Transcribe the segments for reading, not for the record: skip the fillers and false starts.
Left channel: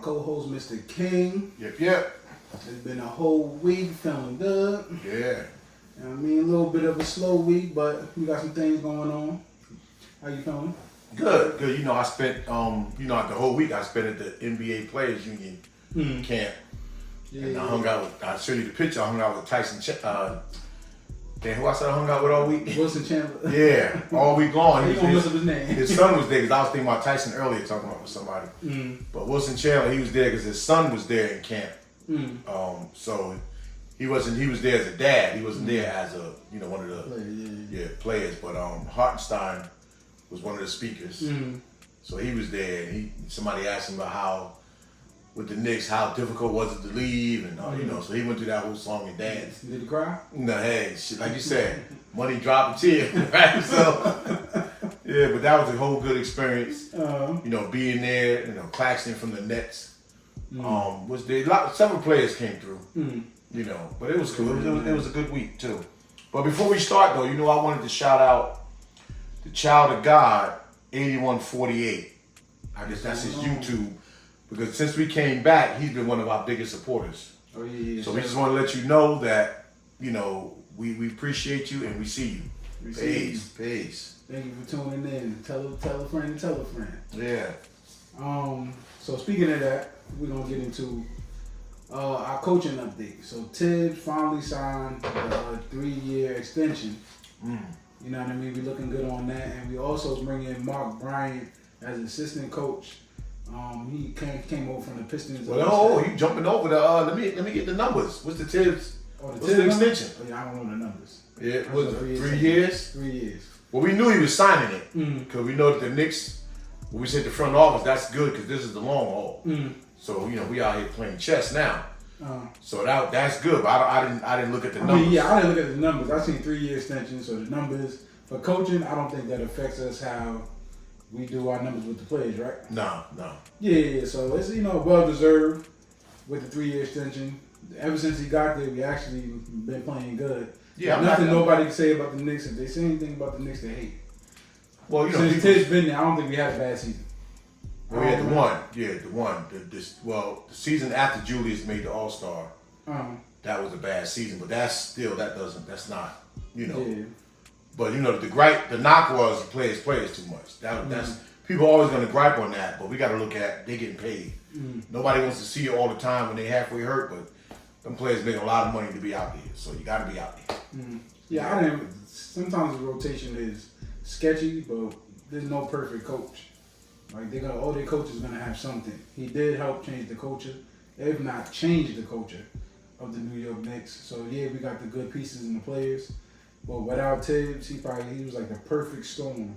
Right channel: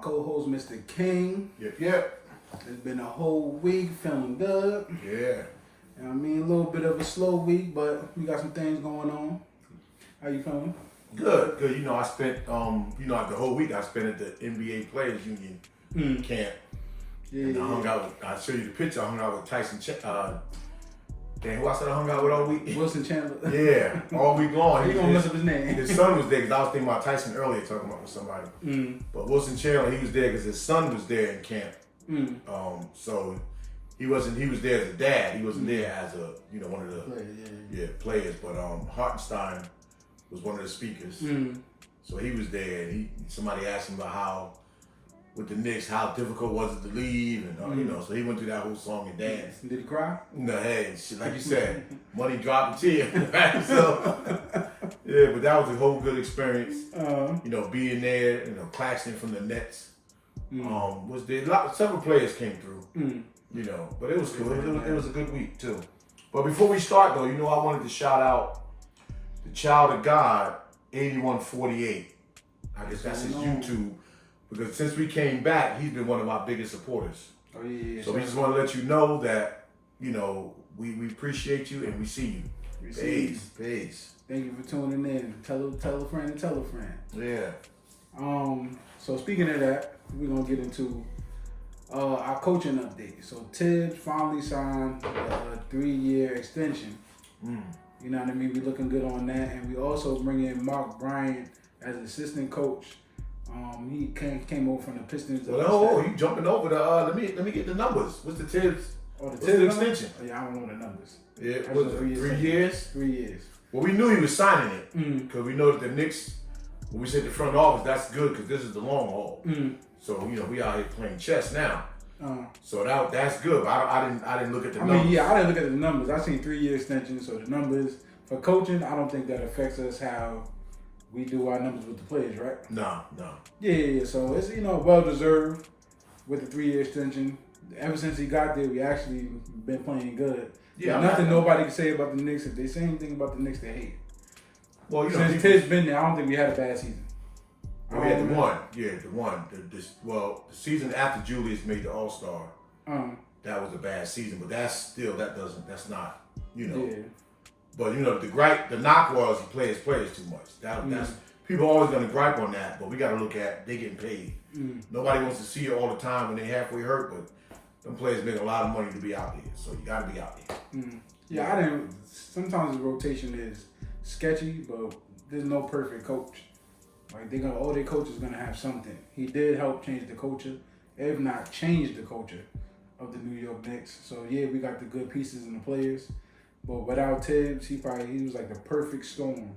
co-host, Mr. King. Yep. It's been a whole week, feeling good. Yeah. I mean, a little bit of a slow week, but we got some things going on. How you feeling? Good. You know, I spent, the whole week I spent at the NBA Players Union camp. Yeah. And I hung out with, I'll show you the picture, I hung out with Tyson, who I said I hung out with all week? Wilson Chandler. Yeah, all week long. He gonna mess up his name. His son was there, because I was thinking about Tyson earlier, talking about with somebody. But Wilson Chandler, he was there because his son was there in camp. So he was there as a dad. He wasn't there as a, one of the players. But Hartenstein was one of the speakers. So he was there, and somebody asked him about how, with the Knicks, how difficult was it to leave, and so he went through that whole song and dance. Did he cry? No, hey, shit, like you said, money dropped a tear, right? So, yeah, but that was a whole good experience. Being there, Claxton from the Nets was there. Several players came through, but it was cool. It was a good week too. But before we start though, I wanted to shout out the Child of God 8148. I guess that's his YouTube. Because since we came back, he's been one of our biggest supporters. Oh yeah. So we just want to let you know that, we appreciate you and we see you. Peace. Thank you for tuning in. Tell a friend and tell a friend. Yeah. So speaking of that, we're gonna get into our coaching update. So Tibbs finally signed a 3-year extension. You know what I mean? We're looking good on that, and we also bring in Mark Bryant as assistant coach. He came over from the Pistons. Well, you jumping over the. Let me get the numbers. What's the Tibbs? What's the extension? Oh, yeah, I don't know the numbers. Yeah, was it 3 years? 3 years. Well, we knew he was signing it because we know that the Knicks. When we said the front office, that's good because this is the long haul. So we out here playing chess now. So that's good. But I didn't look at the numbers. I didn't look at the numbers. I seen 3-year extensions. So the numbers for coaching, I don't think that affects us how we do our numbers with the players, right? No. Yeah. So it's well deserved with the 3-year extension. Ever since he got there, we actually been playing good. Yeah, nothing nobody can say about the Knicks. If they say anything about the Knicks, they hate. Well, since Tibbs been there, I don't think we had a bad season. Well, we had the one. The season after Julius made the All-Star, that was a bad season. But that's not. Yeah. But the knock was the players too much. That's people are always gonna gripe on that, but we gotta look at they getting paid. Nobody wants to see you all the time when they halfway hurt, but them players make a lot of money to be out there, so you gotta be out there. Yeah, sometimes the rotation is sketchy, but there's no perfect coach. Like all their coaches gonna have something. He did help change the culture, if not change the culture of the New York Knicks. So yeah, we got the good pieces in the players. But without Tibbs, he was like the perfect storm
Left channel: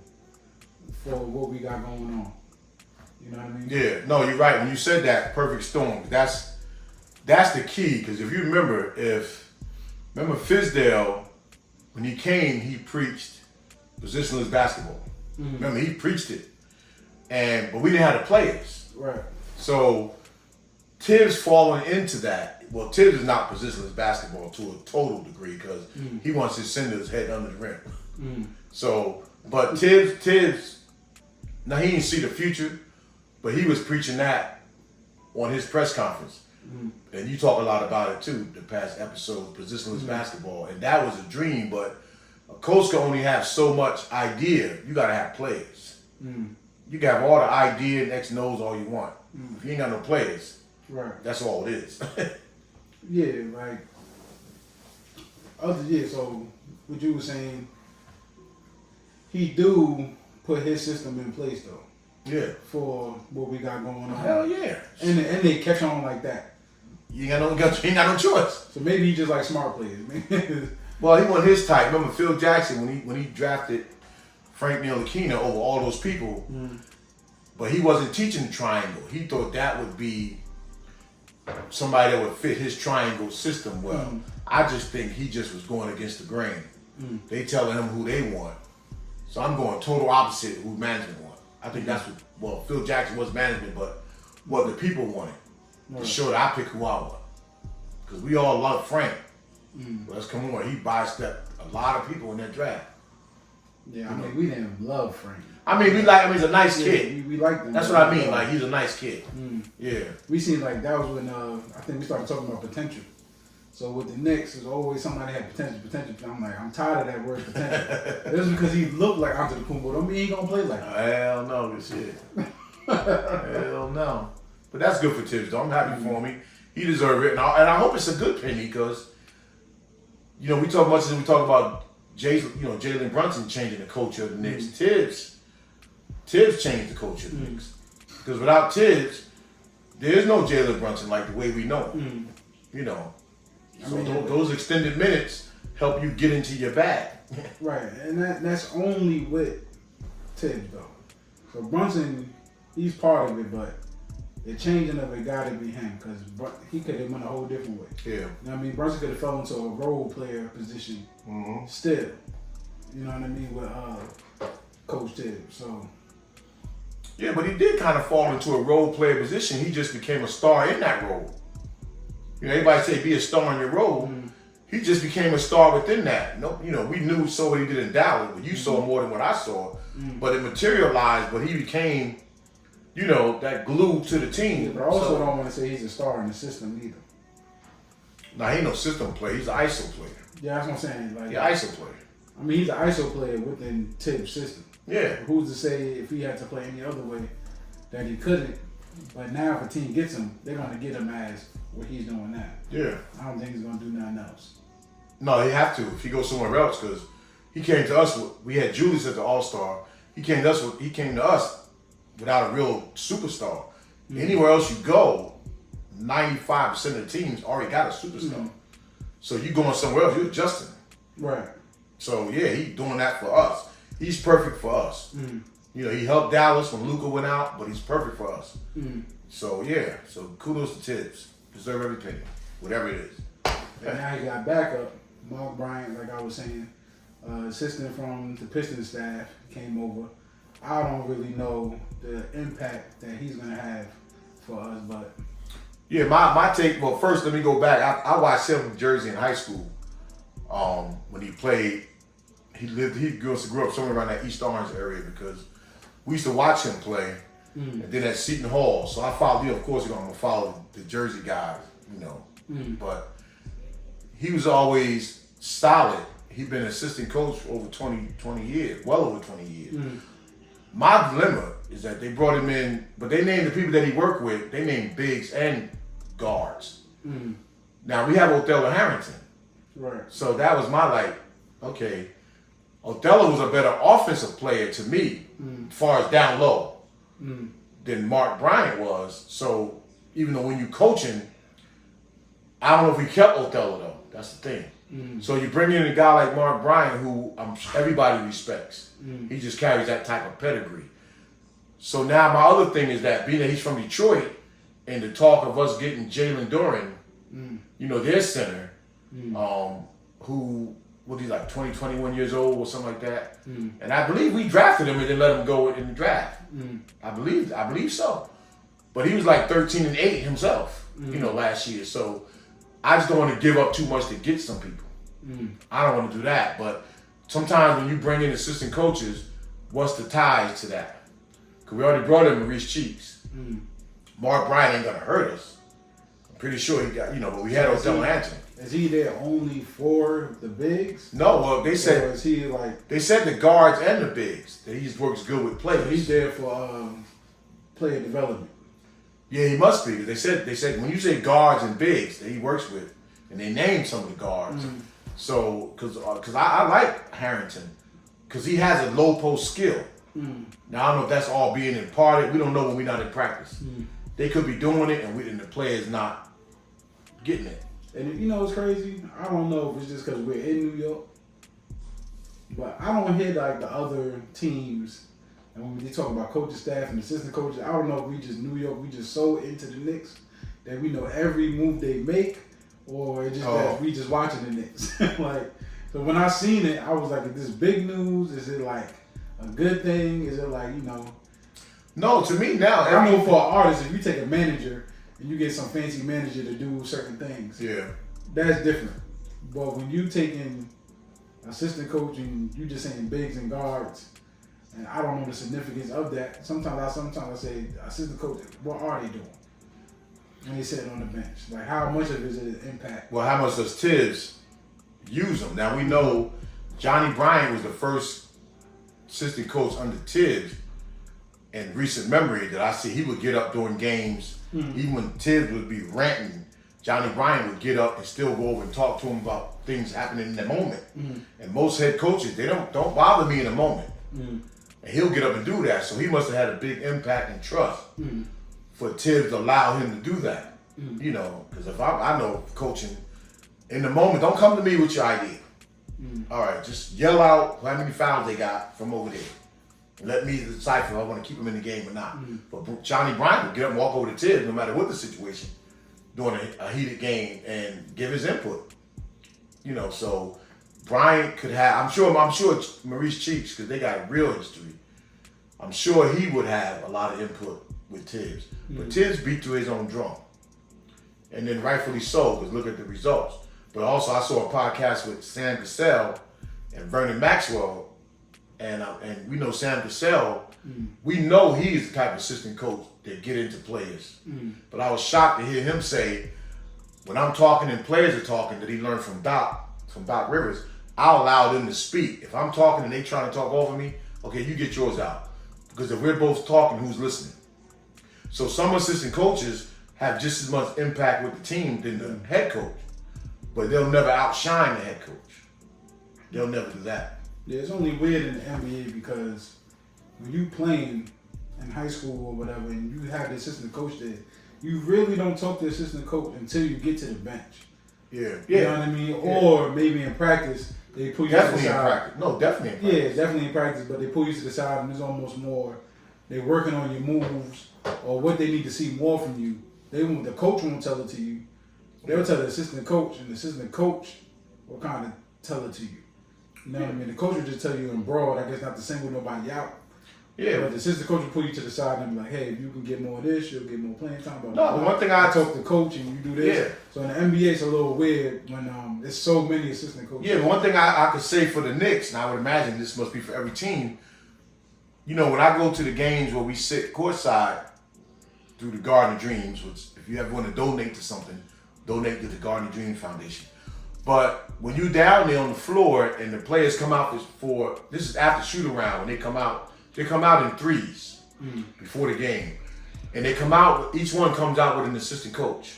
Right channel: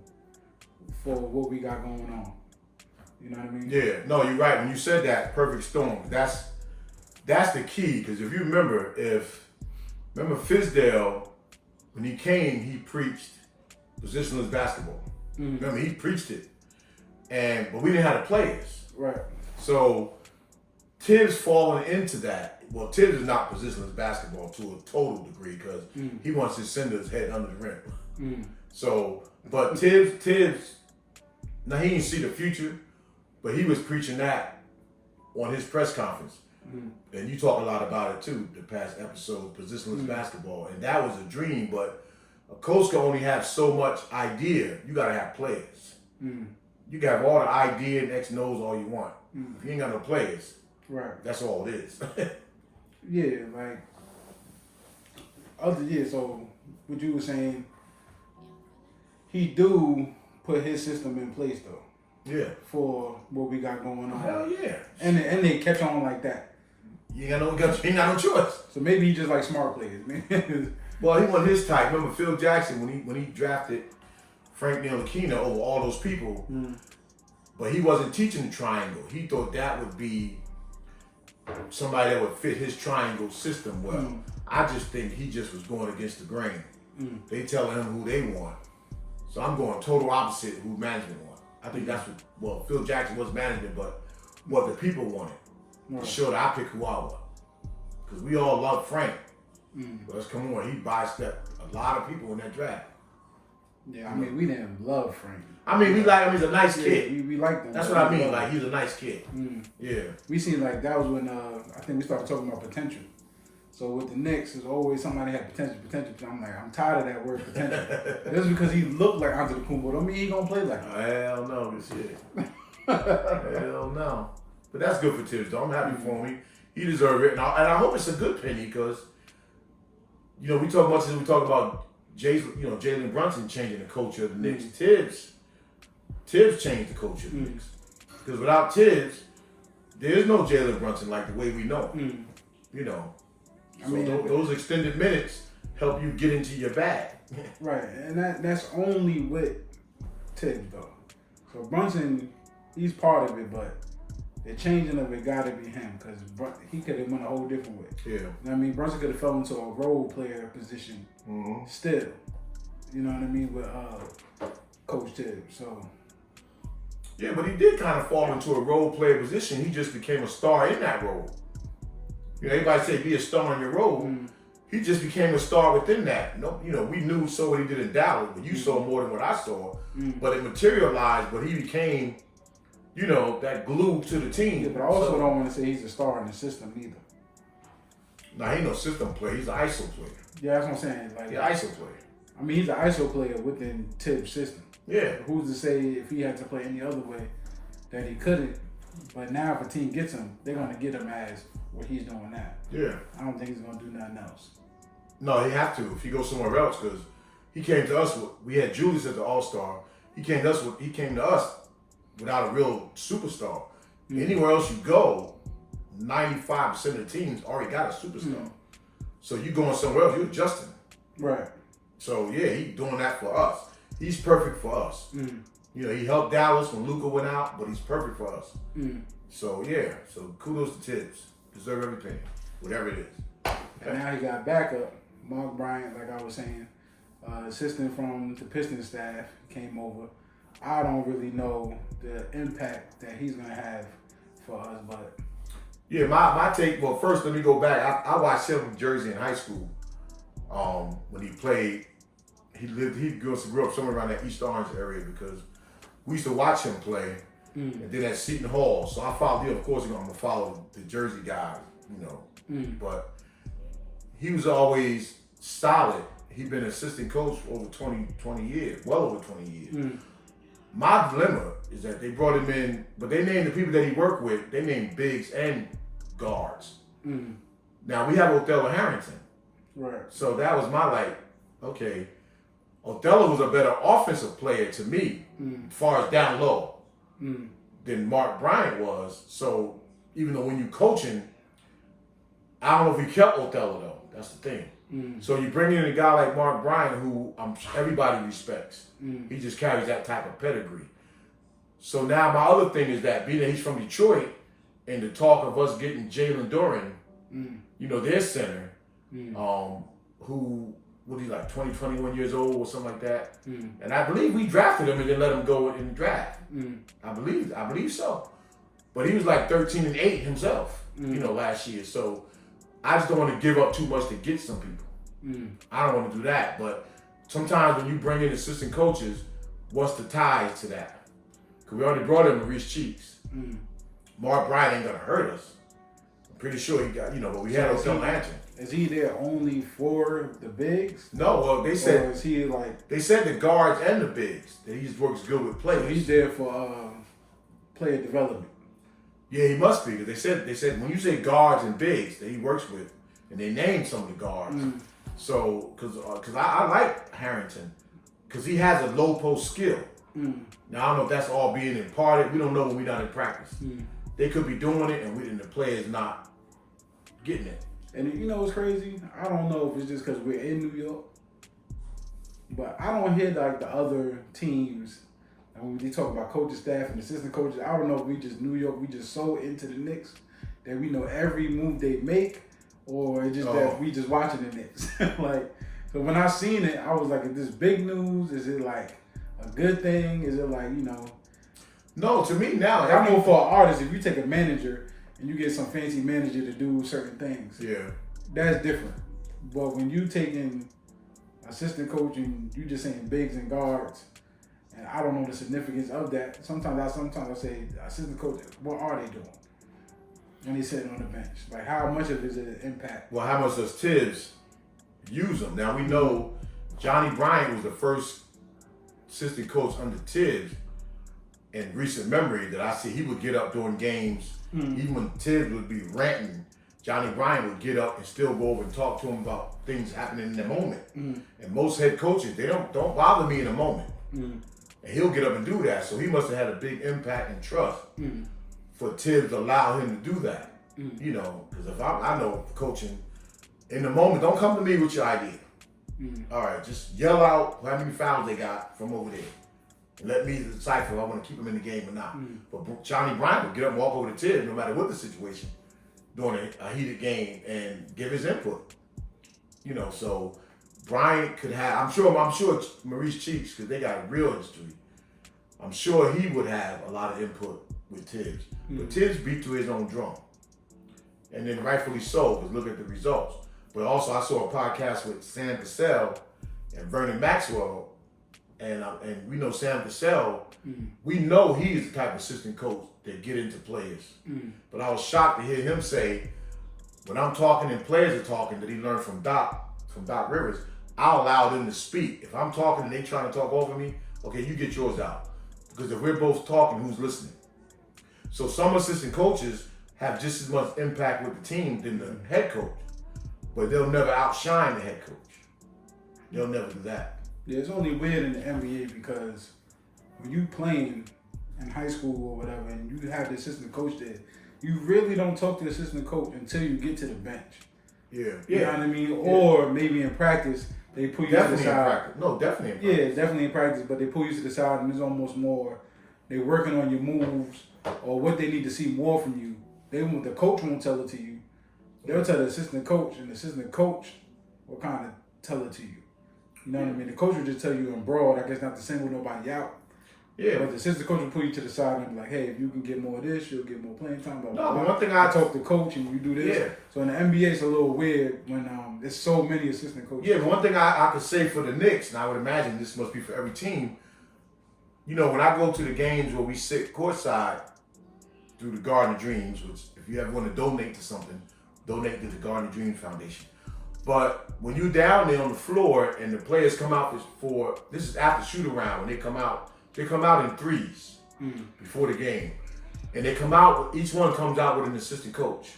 for what we got going on. You know what I mean? Yeah, no, you're right. When you said that, perfect storm, that's the key. Because if you remember Fizdale, when he came, he preached positionless basketball. Remember, he preached it, but we didn't have the players. Right. So Tibbs falling into that. Well, Tibbs is not positionless basketball to a total degree because he wants his sender's head under the rim. So, but Tibbs, now he didn't see the future, but he was preaching that on his press conference. And you talk a lot about it too, the past episode, positionless basketball. And that was a dream, but a coach can only have so much idea. You got to have players. You can have all the idea and X knows all you want. If you ain't got no players, right, that's all it is. Yeah, so what you were saying, he do put his system in place though. Yeah. For what we got going on. Hell yeah. And they catch on like that. You ain't got no choice. So maybe he just like smart players. Well, he wasn't his type. Remember Phil Jackson when he drafted Frank Ntilikina over all those people, but he wasn't teaching the triangle. He thought that would be somebody that would fit his triangle system well. I just think he just was going against the grain. They telling him who they want. So I'm going total opposite who management want. I think that's what, Phil Jackson was management, but what the people wanted. To show that I pick who I want. Because we all love Frank. Well, let's come on. He biased up a lot of people in that draft. Yeah, I mean, we didn't love Frank. I mean, he's a nice kid. We liked him. That's what I mean. Like, he's a nice kid. Yeah. We seen like that was when I think we started talking about potential. So with the Knicks, there's always somebody had potential. I'm like, I'm tired of that word potential. Just because he looked like Antetokounmpo don't mean he gonna play like that. Hell no, this shit. Hell no. But that's good for Tibbs, though. I'm happy for him. He deserves it, and I hope it's a good penny because, you know, we talk about Jalen Brunson changing the culture of the Knicks. Tibbs changed the culture of the Knicks because without Tibbs, there's no Jalen Brunson like the way we know him. You know, so those extended minutes help you get into your bag. Right, and that's only with Tibbs though. So Brunson, he's part of it, but the changing of it got to be him because he could have went a whole different way. Yeah. You know what I mean? Brunson could have fell into a role player position still. You know what I mean? With Coach Tibbs. So. Yeah, but he did kind of fall into a role player position. He just became a star in that role. You know, everybody say be a star in your role. He just became a star within that. No, you know, we knew saw what he did in Dallas, but you saw more than what I saw. But it materialized, but he became, you know, that glue to the team. Yeah, but I also don't want to say he's a star in the system either. Nah, he ain't no system player. He's an ISO player. Yeah, that's what I'm saying. Like, yeah, ISO player. I mean, he's an ISO player within Tibbs' system. Yeah. Who's to say if he had to play any other way that he couldn't? But now if a team gets him, they're going to get him as what he's doing now. Yeah. I don't think he's going to do nothing else. No, he have to if he goes somewhere else because he came to us. We had Julius at the All-Star. He came to us without a real superstar. Anywhere else you go, 95% of the teams already got a superstar. So you going somewhere else, you're adjusting. Right. So yeah, he's doing that for us. He's perfect for us. You know, he helped Dallas when Luka went out, but he's perfect for us. So yeah, so kudos to Tibbs. Deserve every penny, whatever it is. Yeah. Now he got backup. Mark Bryant, like I was saying, assistant from the Pistons staff, came over. I don't really know the impact that he's gonna have for us, but yeah, my take. Well, first let me go back. I watched him in Jersey in high school. When he played, he grew up somewhere around that East Orange area because we used to watch him play. And then at Seton Hall, so I followed. Of course, I'm gonna follow the Jersey guys, you know. But he was always solid. He'd been assistant coach for over 20 years, well over 20 years. My dilemma is that they brought him in, but they named the people that he worked with, they named bigs and guards. Now we have Othello Harrington. Right. So that was my okay, Othello was a better offensive player to me, as far as down low, than Mark Bryant was. So even though when you coaching, I don't know if we kept Othello though. That's the thing. So you bring in a guy like Mark Bryant, who everybody respects. He just carries that type of pedigree. So now my other thing is that being that he's from Detroit, and the talk of us getting Jalen Duren, you know, their center, who what he's 20, 21 years old or something like that. And I believe we drafted him and then let him go in the draft. I believe so. But he was 13 and 8 himself, you know, last year. So I just don't want to give up too much to get some people. I don't want to do that. But sometimes when you bring in assistant coaches, what's the ties to that? Because we already brought in Maurice Cheeks. Mark Bryant ain't going to hurt us. I'm pretty sure he got, you know, but we had Othello Harrington. Is he there only for the bigs? No, well, they said, or is he they said the guards and the bigs, that he just works good with players. So he's there for player development. Yeah, he must be. They said when you say guards and bigs that he works with, and they named some of the guards. So, because I like Harrington, because he has a low post skill. Now I don't know if that's all being imparted. We don't know when we're not in practice. They could be doing it, and the player's not getting it. And you know what's crazy? I don't know if it's just because we're in New York, but I don't hear the other teams. And when we talk about coaching staff and assistant coaches, I don't know if we just New York, we just so into the Knicks that we know every move they make, or it's just that we just watching the Knicks. So when I seen it, I was like, is this big news? Is it a good thing? Is it No, to me now. I know for an artist, if you take a manager and you get some fancy manager to do certain things, yeah, that's different. But when you taking assistant coach and you just saying bigs and guards, and I don't know the significance of that. Sometimes I say, assistant coach, what are they doing when they sitting on the bench? Like, how much of it is it impact? Well, how much does Tibbs use them? Now we know Johnny Bryant was the first assistant coach under Tibbs in recent memory that I see. He would get up during games, even when Tibbs would be ranting. Johnny Bryant would get up and still go over and talk to him about things happening in the moment. And most head coaches, they don't bother me in the moment. And he'll get up and do that. So he must have had a big impact and trust for Tibbs to allow him to do that. You know, because if I know coaching in the moment, don't come to me with your idea. All right, just yell out how many fouls they got from over there. And let me decipher if I want to keep them in the game or not. But Johnny Bryant would get up and walk over to Tibbs no matter what the situation during a heated game and give his input. You know, so Bryant could have, I'm sure Maurice Cheeks, because they got a real history, I'm sure he would have a lot of input with Tibbs. But Tibbs beat to his own drum. And then rightfully so, because look at the results. But also I saw a podcast with Sam Cassell and Vernon Maxwell, and we know Sam Cassell, we know he's the type of assistant coach that get into players. But I was shocked to hear him say, when I'm talking and players are talking, that he learned from Doc Rivers, I'll allow them to speak. If I'm talking and they trying to talk over me, okay, you get yours out. Because if we're both talking, who's listening? So some assistant coaches have just as much impact with the team than the head coach, but they'll never outshine the head coach. They'll never do that. Yeah, it's only weird in the NBA because when you playing in high school or whatever and you have the assistant coach there, you really don't talk to the assistant coach until you get to the bench. Yeah. You know what I mean? Yeah. Or maybe in practice, they pull you definitely to the side. In practice. No, definitely in practice. Yeah, definitely in practice, but they pull you to the side and it's almost more, they're working on your moves or what they need to see more from you. The coach won't tell it to you. They'll tell the assistant coach, and the assistant coach will kind of tell it to you. You know what I mean? The coach will just tell you in broad, I guess not to single nobody out. Yeah. But the assistant coach will pull you to the side and be like, hey, if you can get more of this, you'll get more playing time. No, but one thing I talk to the coach and you do this. Yeah. So in the NBA, it's a little weird when there's so many assistant coaches. Yeah, but one thing I could say for the Knicks, and I would imagine this must be for every team, you know, when I go to the games where we sit courtside through the Garden of Dreams, which if you ever want to donate to something, donate to the Garden of Dreams Foundation. But when you're down there on the floor and the players come out this is after shoot around, when they come out in threes before the game. And they come out, each one comes out with an assistant coach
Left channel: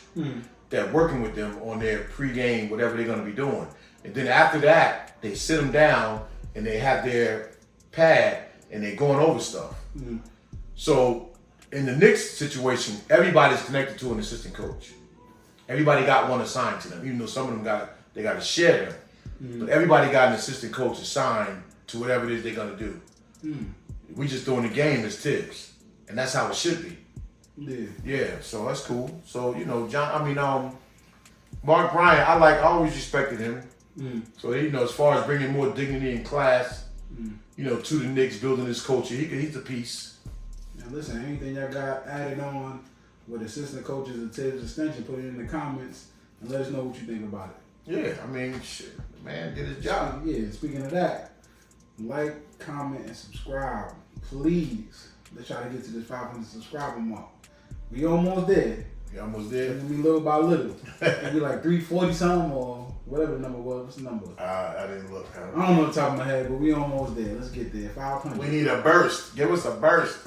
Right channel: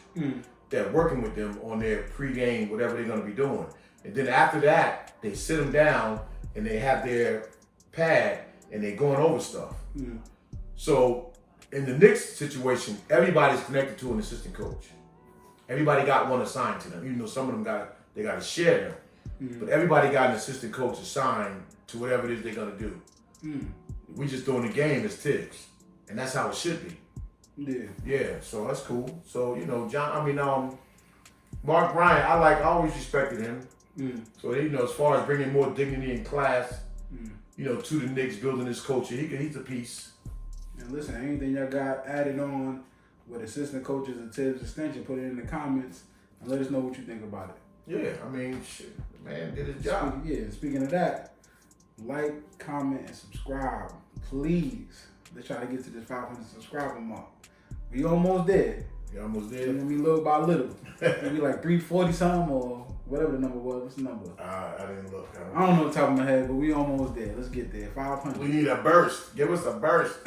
that working with them on their pregame, whatever they're going to be doing. And then after that, they sit them down and they have their pad and they're going over stuff. So in the Knicks situation, everybody's connected to an assistant coach. Everybody got one assigned to them, even though some of them got to share them. But everybody got an assistant coach assigned to whatever it is they're going to do. We just doing the game as Tibbs, and that's how it should be. Yeah. So that's cool. So you know, Mark Bryant, I always respected him. So you know, as far as bringing more dignity and class, you know, to the Knicks, building this culture, he's a piece. Now listen, anything y'all got added on with assistant coaches and Tibbs extension, put it in the comments and let us know what you think about it. Yeah, I mean, shit, man did his job. Speaking of that, like, comment, and subscribe. Please. Let's try to get to this 500 subscriber mark. We almost there. You almost there? You know what I mean? Little by little. Maybe like 340 something or whatever the number was. What's the number? I didn't look. I don't know the top of my head, but we almost there. Let's get there. 500. We need a burst. Give us a burst.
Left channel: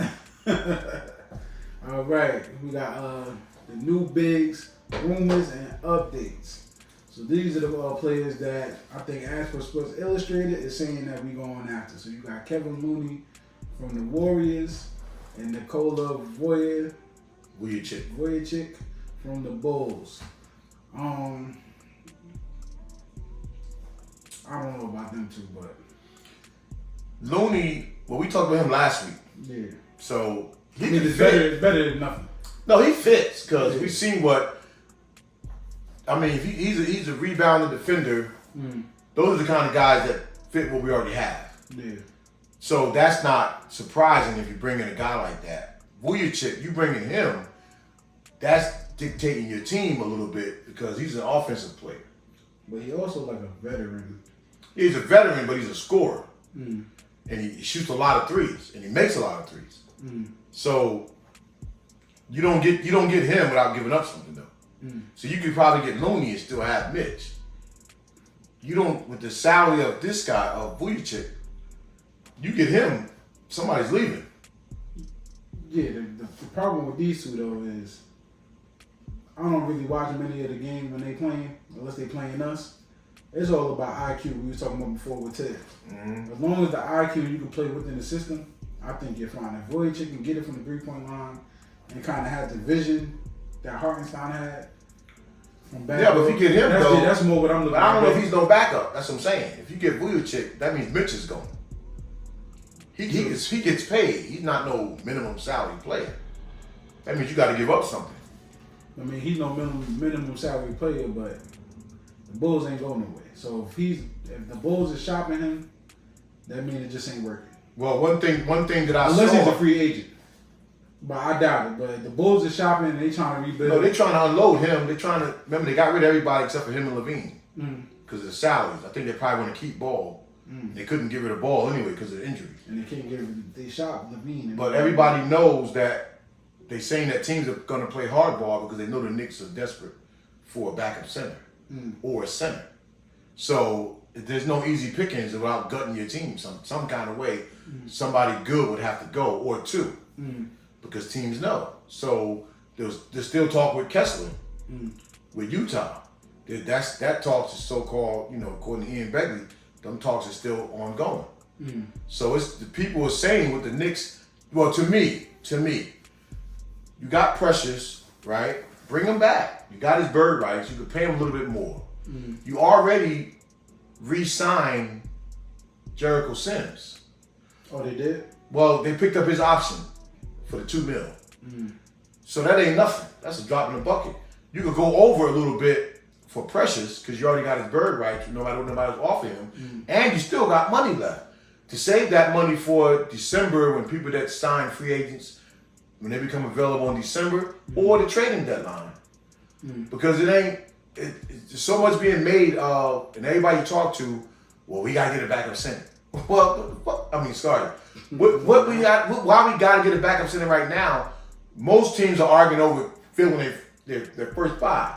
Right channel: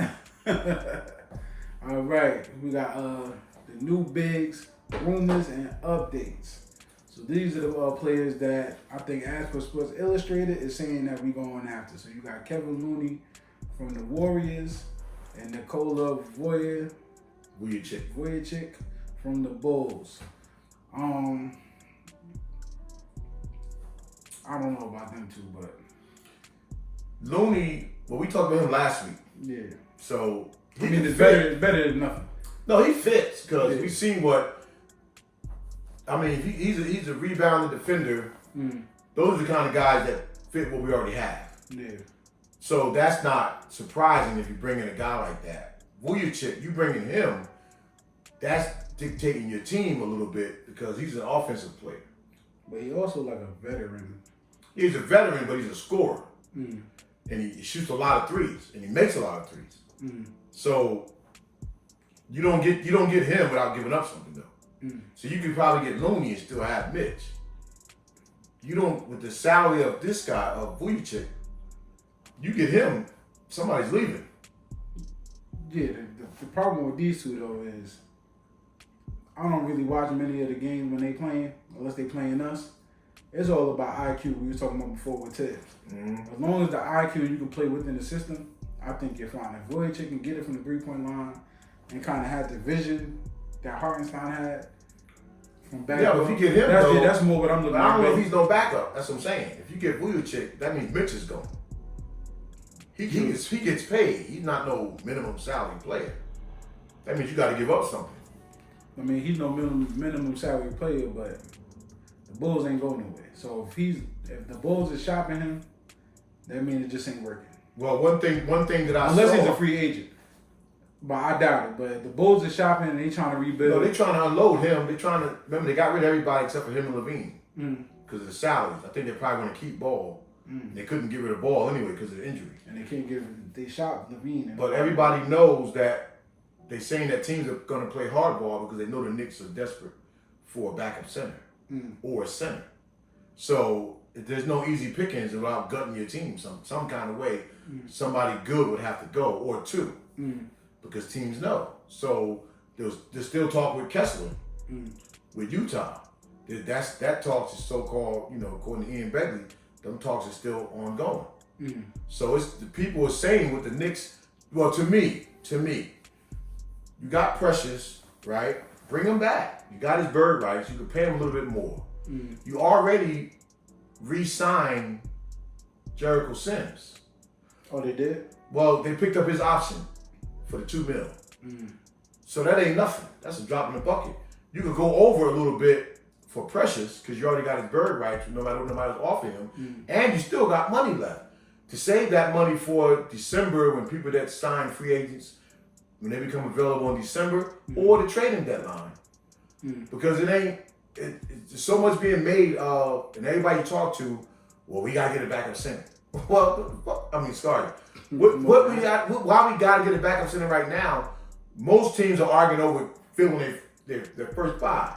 All right. We got the new bigs, rumors, and updates. So these are the players that I think, as for Sports Illustrated, is saying that we going after. So you got Kevin Looney from the Warriors and Nikola Vujacic from the Bulls. I don't know about them two, but Looney, well, we talked about him last week. Yeah. So it's better than nothing. No, he fits because we've seen what. I mean, he's a rebounding defender. Those are the kind of guys that fit what we already have. Yeah. So that's not surprising if you bring in a guy like that. Vujacic, you bring in him, that's dictating your team a little bit because he's an offensive player. But he also like a veteran He's a veteran, but he's a scorer. And he shoots a lot of threes, and he makes a lot of threes. So you don't get him without giving up something though. So you could probably get Looney and still have Mitch. You don't, with the salary of this guy, of Vujacic, you get him, somebody's leaving. Yeah, the problem with these two though is I don't really watch many of the games when they playing, unless they playing us. It's all about IQ. We were talking about before with Ted. As long as the IQ you can play within the system, I think you're fine. If Vujacic can get it from the 3-point line and kind of have the vision that Hartenstein had from back. Yeah, but if you get him, that's more what I'm looking at. I don't know if he's no backup. That's what I'm saying. If you get Vujacic, that means Mitch is gone. He gets paid. He's not no minimum salary player. That means you got to give up something. I mean, he's no minimum salary player, but the Bulls ain't going nowhere. So if the Bulls are shopping him, that means it just ain't working. Well, one thing that I unless saw, he's a free agent, but I doubt it. But the Bulls are shopping and they trying to rebuild. No, they trying to unload him. They trying to remember they got rid of everybody except for him and Levine because of the salaries. I think they probably want to keep Ball. They couldn't get rid of Ball anyway because of the injuries. And they can't get rid of. They shot Levine. But everybody knows that they're saying that teams are going to play hardball because they know the Knicks are desperate for a backup center or a center. So there's no easy pickings without gutting your team some kind of way. Somebody good would have to go, or two, because teams know. So there's still talk with Kessler, with Utah. That talks is so-called, according to Ian Begley, them talks are still ongoing. So it's the people are saying with the Knicks. Well, to me, you got Precious, right? Bring him back. You got his bird rights. You could pay him a little bit more. You already re-signed Jericho Sims. Oh, they did? Well, they picked up his option for the $2 million. So that ain't nothing. That's a drop in the bucket. You could go over a little bit for Precious because you already got his bird rights. No matter what nobody's offering him, and you still got money left to save that money for December when people that sign free agents when they become available in December or the trading deadline. Because it's so much being made of, and everybody you talk to, well, we gotta get a backup center. Well, I mean, sorry. What we got? Why we gotta get a backup center right now? Most teams are arguing over filling their first five.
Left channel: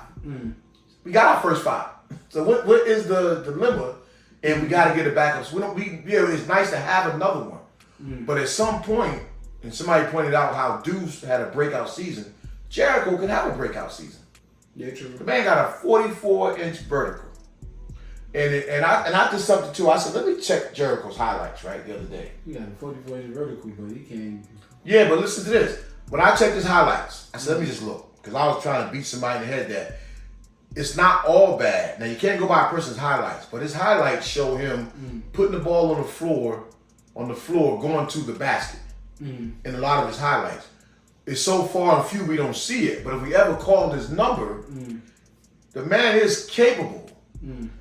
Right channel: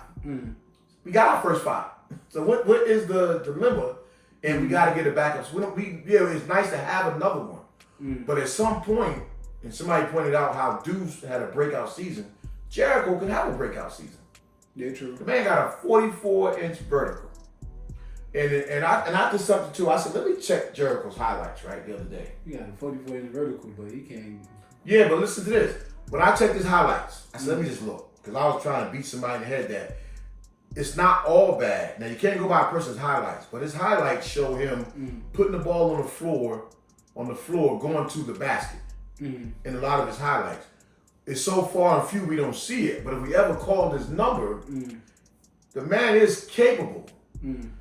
We got our first five. So what is the dilemma? And we gotta get a backup. So it's nice to have another one, but at some point, and somebody pointed out how Deuce had a breakout season. Jericho could have a breakout season. Yeah, true. The man got a 44-inch vertical. And I did something too. I said, let me check Jericho's highlights, right, the other day. He got a 44-inch vertical, but he can't. Yeah, but listen to this. When I checked his highlights, I said, let me just look. Because I was trying to beat somebody in the head that it's not all bad. Now, you can't go by a person's highlights, but his highlights show him putting the ball on the floor, going to the basket in a lot of his highlights. It's so far and few we don't see it, but if we ever called his number, the man is capable.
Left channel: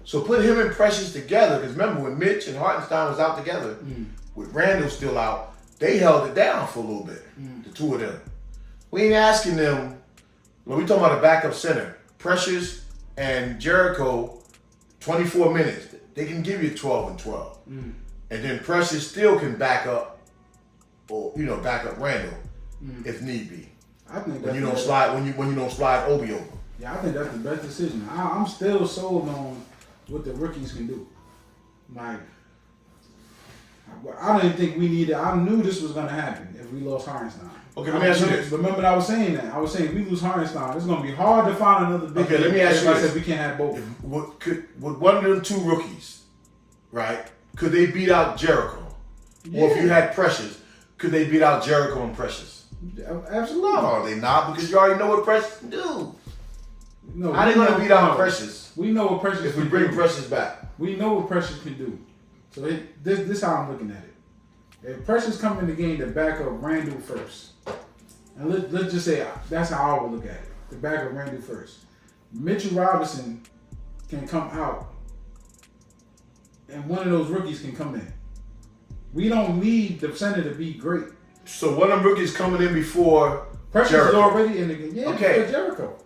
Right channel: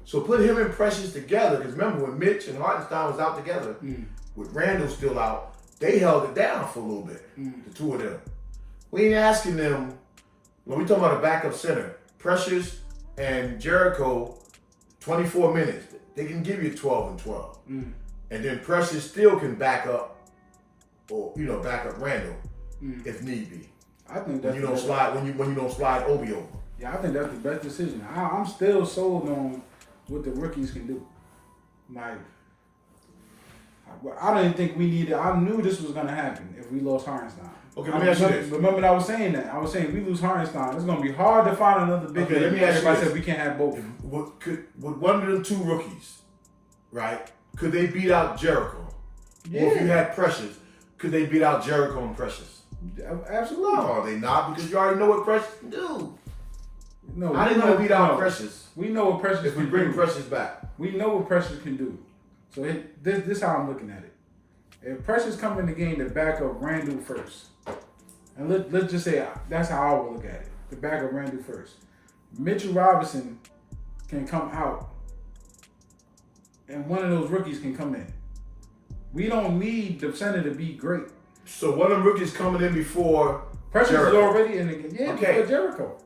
So put him and Precious together, because remember when Mitch and Hartenstein was out together, with Randall still out, they held it down for a little bit, the two of them. We ain't asking them, when we talking about a backup center, Precious and Jericho, 24 minutes, they can give you 12 and 12. And then Precious still can back up, or back up Randall if need be. I think when you don't slide Obi over. Yeah, I think that's the best decision. I'm still sold on what the rookies can do. Like, I didn't think we needed. I knew this was gonna happen if we lost Hartenstein. Okay, let me ask you this. Remember that I was saying that. I was saying if we lose Hartenstein, it's gonna be hard to find another big. Okay, let me ask you this. I said we can't have both. Would one of them two rookies, right? Could they beat out Jericho? Yeah. Or if you had Precious, could they beat out Jericho and Precious? Absolutely. No, they not, because you already know what Precious can do. No, how they gonna beat out Precious? We know what Precious if we bring Precious back. We know what Precious can do. So this is how I'm looking at it. If Precious come in the game to back up Randall first, and let's just say that's how I would look at it. To back up Randall first. Mitchell Robinson can come out, and one of those rookies can come in. We don't need the center to be great. So one of them rookies coming in before Precious Jericho. is already in the game. Yeah, okay. Jericho.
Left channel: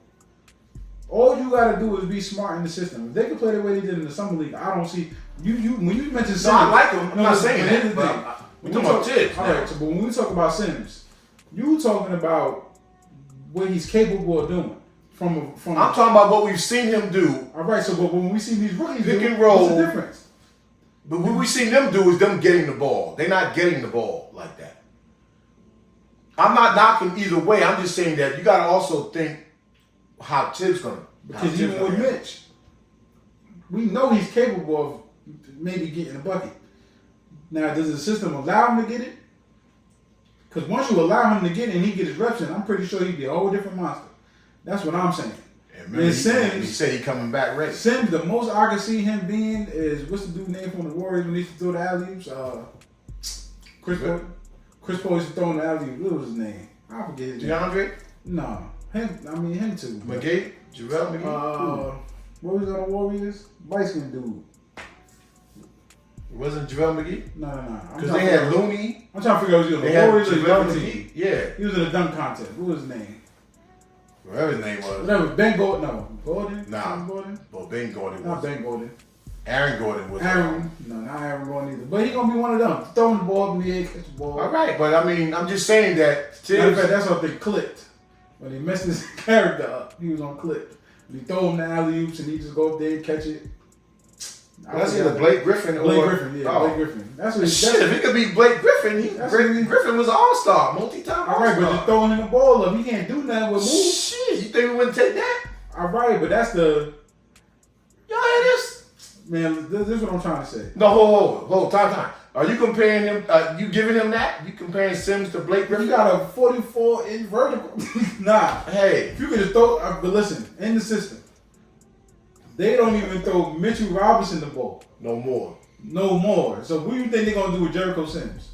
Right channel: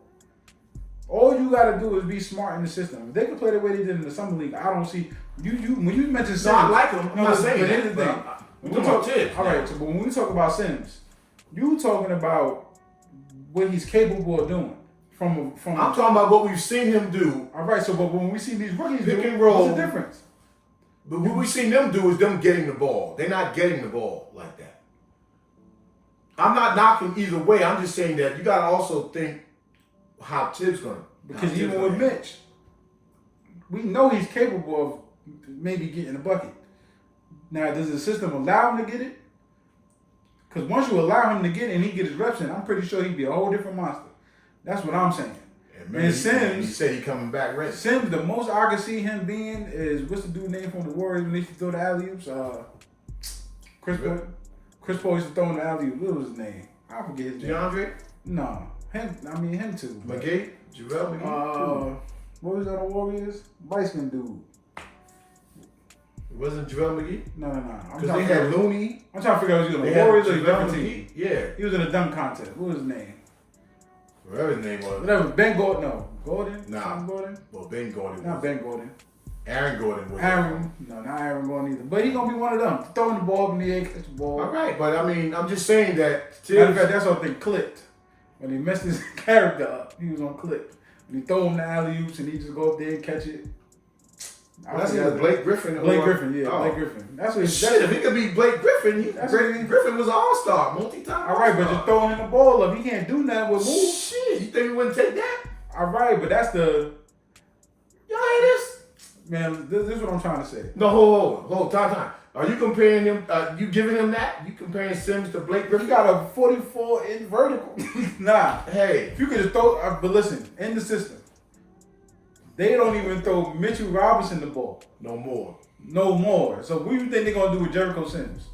All you gotta do is be smart in the system. If they can play the way they did in the summer league, I don't see you. When you mention Sims, I like him. I'm not saying here's that. the thing. We're talking about Tibbs. All right, so but when we talk about Sims, you talking about what he's capable of doing. I'm talking about what we've seen him do. All right, so but when we see these rookies pick and roll, what's the difference? But what we've seen them do is them getting the ball. They're not getting the ball like that. I'm not knocking either way. I'm just saying that you got to also think how Tibbs going to. Because even with Mitch, we know he's capable of maybe getting a bucket. Now, does the system allow him to get it? Because once you allow him to get it and he get his reps in, I'm pretty sure he'd be a whole different monster. That's what I'm saying. And Sims, he said he coming back ready. Sims, the most I can see him being is, what's the dude name from the Warriors when they used to throw the alley-oops? Chris Paul used to throw in the alley-oops. What was his name? I forget his name. DeAndre? No. Him too. McGee? JaVale McGee? What was on the Warriors? Light-skinned dude. It wasn't JaVale McGee? No. Because they had Looney. I'm trying to figure out who he was on the Warriors or the team. Yeah. He was in the dunk contest. What was his name? Whatever his name was. Whatever. Ben Gordon. No. Gordon? Nah. Tom Gordon? Well, Ben Gordon Not was. Ben Gordon. Aaron Gordon was. Not Aaron Gordon either. But he gonna be one of them. Throwing the ball in the air, catch the ball. All right, but I mean, I'm just saying that. Matter of fact, that's what they clipped. When they messed his character up, he was on clip. When he throw him the alley-oops and he just go up there and catch it. That's either Blake Griffin or... Blake Griffin, yeah. Blake Griffin. That's what shit, if he could be Blake Griffin, Griffin was an all-star, multi-time all-star. All right, but just throwing the ball up, he can't do nothing with moves. Shit, you think we wouldn't take that? All right, but that's the... Y'all hear this? Man, this is what I'm trying to say. No, hold, time. Are you comparing him, you giving him that? You comparing Sims to Blake Griffin? You got a 44-inch vertical. Nah. Hey. If you could just throw... but listen, in the system, they don't even throw Mitchell Robinson the ball. No more. So what do you think they're going to do with Jericho Sims?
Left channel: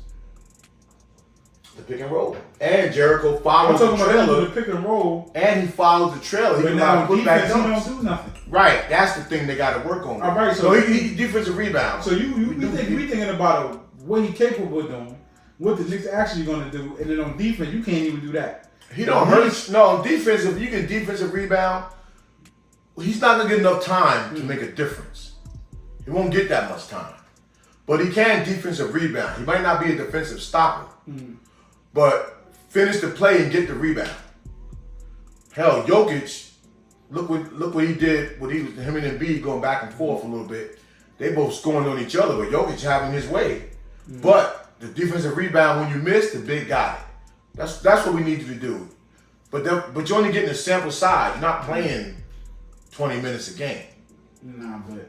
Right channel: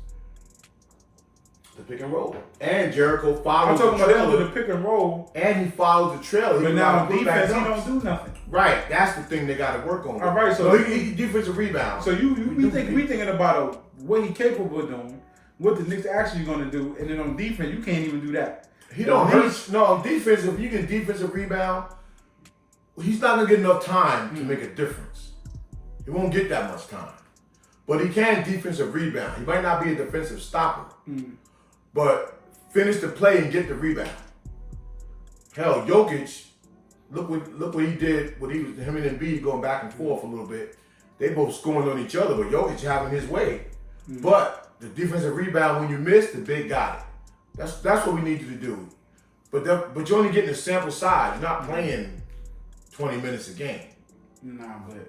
The pick and roll. And Jericho follows the trailer. I'm talking about the pick and roll. And he follows the trailer. But now defense, he don't do nothing. Right. That's the thing they got to work on. All right. So he defensive rebound. So we thinking about what he's capable of doing, what the Knicks actually going to do, and then on defense, you can't even do that. He don't hurt. No, on defense, if you get defensive rebound, he's not going to get enough time to make a difference. He won't get that much time. But he can defensive rebound. He might not be a defensive stopper. But finish the play and get the rebound. Hell, Jokic, look what he did. What he was him and Embiid going back and forth a little bit. They both scoring on each other, but Jokic having his way. But the defensive rebound, when you miss, the big got it. That's what we need you to do. But you're only getting a sample size. You're not playing 20 minutes a game. Nah, but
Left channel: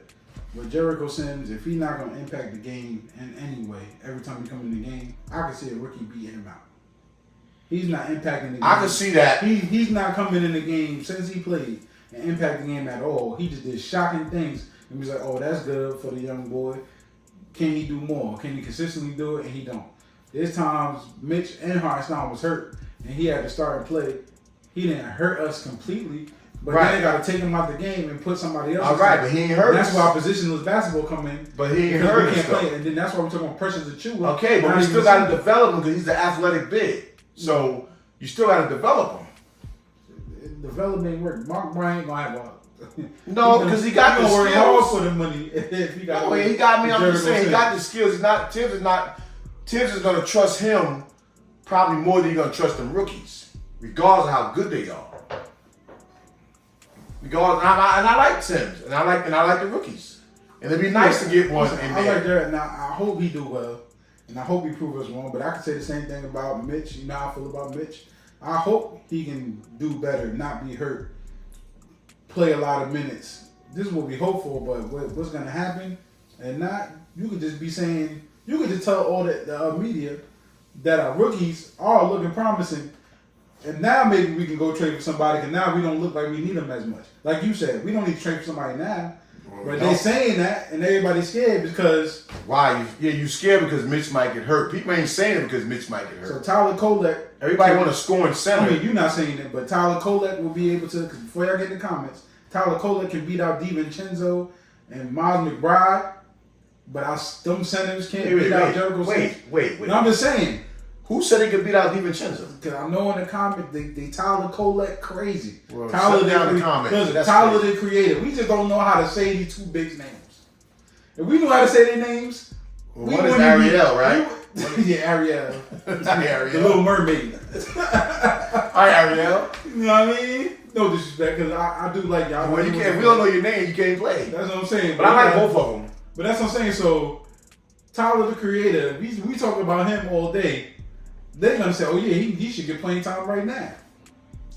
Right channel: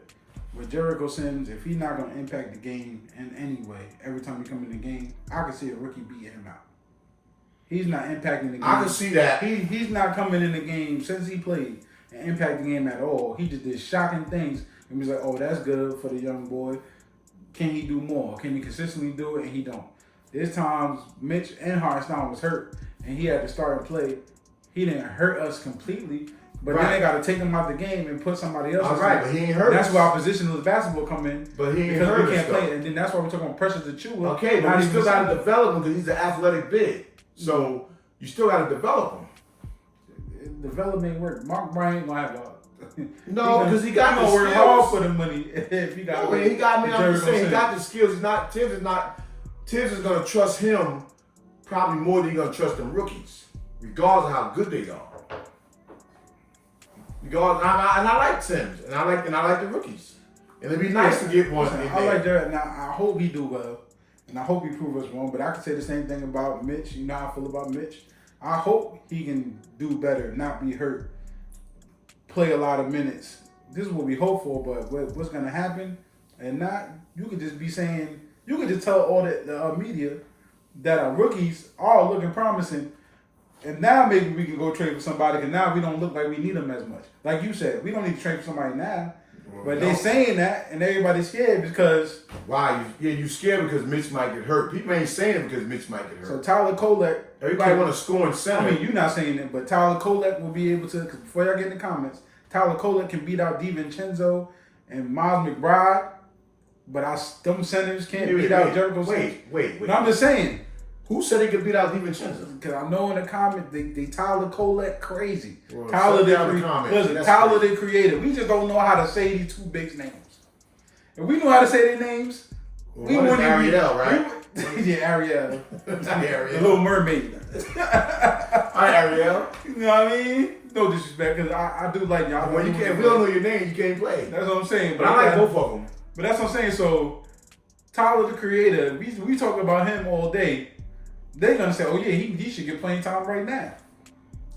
with Jericho Sims, if he's not going to impact the game in any way, every time he comes in the game, I can see a rookie beating him out. He's not impacting the game. I can see that. He's not coming in the game since he played and impact the game at all. He just did shocking things. And he's like, oh, that's good for the young boy. Can he do more? Can he consistently do it? And he don't. There's times Mitch and Hartenstein was hurt, and he had to start and play. He didn't hurt us completely, but then they got to take him out the game and put somebody else. All right, but he ain't hurt us. That's why positionless basketball come in. But he ain't hurt us. Can't play, and then that's why we're talking about pressure to chew. Okay, but we still got to develop him because he's an athletic big. So you still got to develop him. Development work. Mark Bryant gonna have no, because he got the skills. Hard for the money if he got. No, he got me. I'm just saying he got the skills. Tibbs is gonna trust him probably more than he's gonna trust them rookies, regardless of how good they are. Regardless, and I like Tibbs, and I like the rookies, and it'd be nice to get one. I like that. Now I hope he do well, and I hope he prove us wrong. But I can say the same thing about Mitch. You know how I feel about Mitch. I hope he can do better, not be hurt, play a lot of minutes. This is what we hope for, but what's going to happen? And not, you could just be saying, you could just tell all the media that our rookies are looking promising, and now maybe we can go trade for somebody, because now we don't look like we need them as much. Like you said, we don't need to trade for somebody now. But they saying that, and everybody's scared because... Why? You scared because Mitch might get hurt. People ain't saying it because Mitch might get hurt. So Tyler Kolek... Everybody want to score in center. I mean, you're not saying it, but Tyler Kolek will be able to... Because before y'all get in the comments, Tyler Kolek can beat out DiVincenzo and Miles McBride, but them centers can't beat out Jericho Sims. Wait. But I'm just saying, Who said he could beat out DiVincenzo? Because I know in the comments they Tyler Colette crazy. Well, Tyler they they created. We just don't know how to say these two big names. If we know how to say their names, well, one is Ariel, right? Yeah, Ariel. Not Ariel. The Little Mermaid. Hi, Ariel. You know what I mean? No disrespect, because I do like y'all. Well, you can't. If we don't know your name, you can't play. That's what I'm saying. But I like both of them. But that's what I'm saying. So Tyler the Creator, we talk about him all day. They're gonna say, "Oh yeah, he should get playing time right now."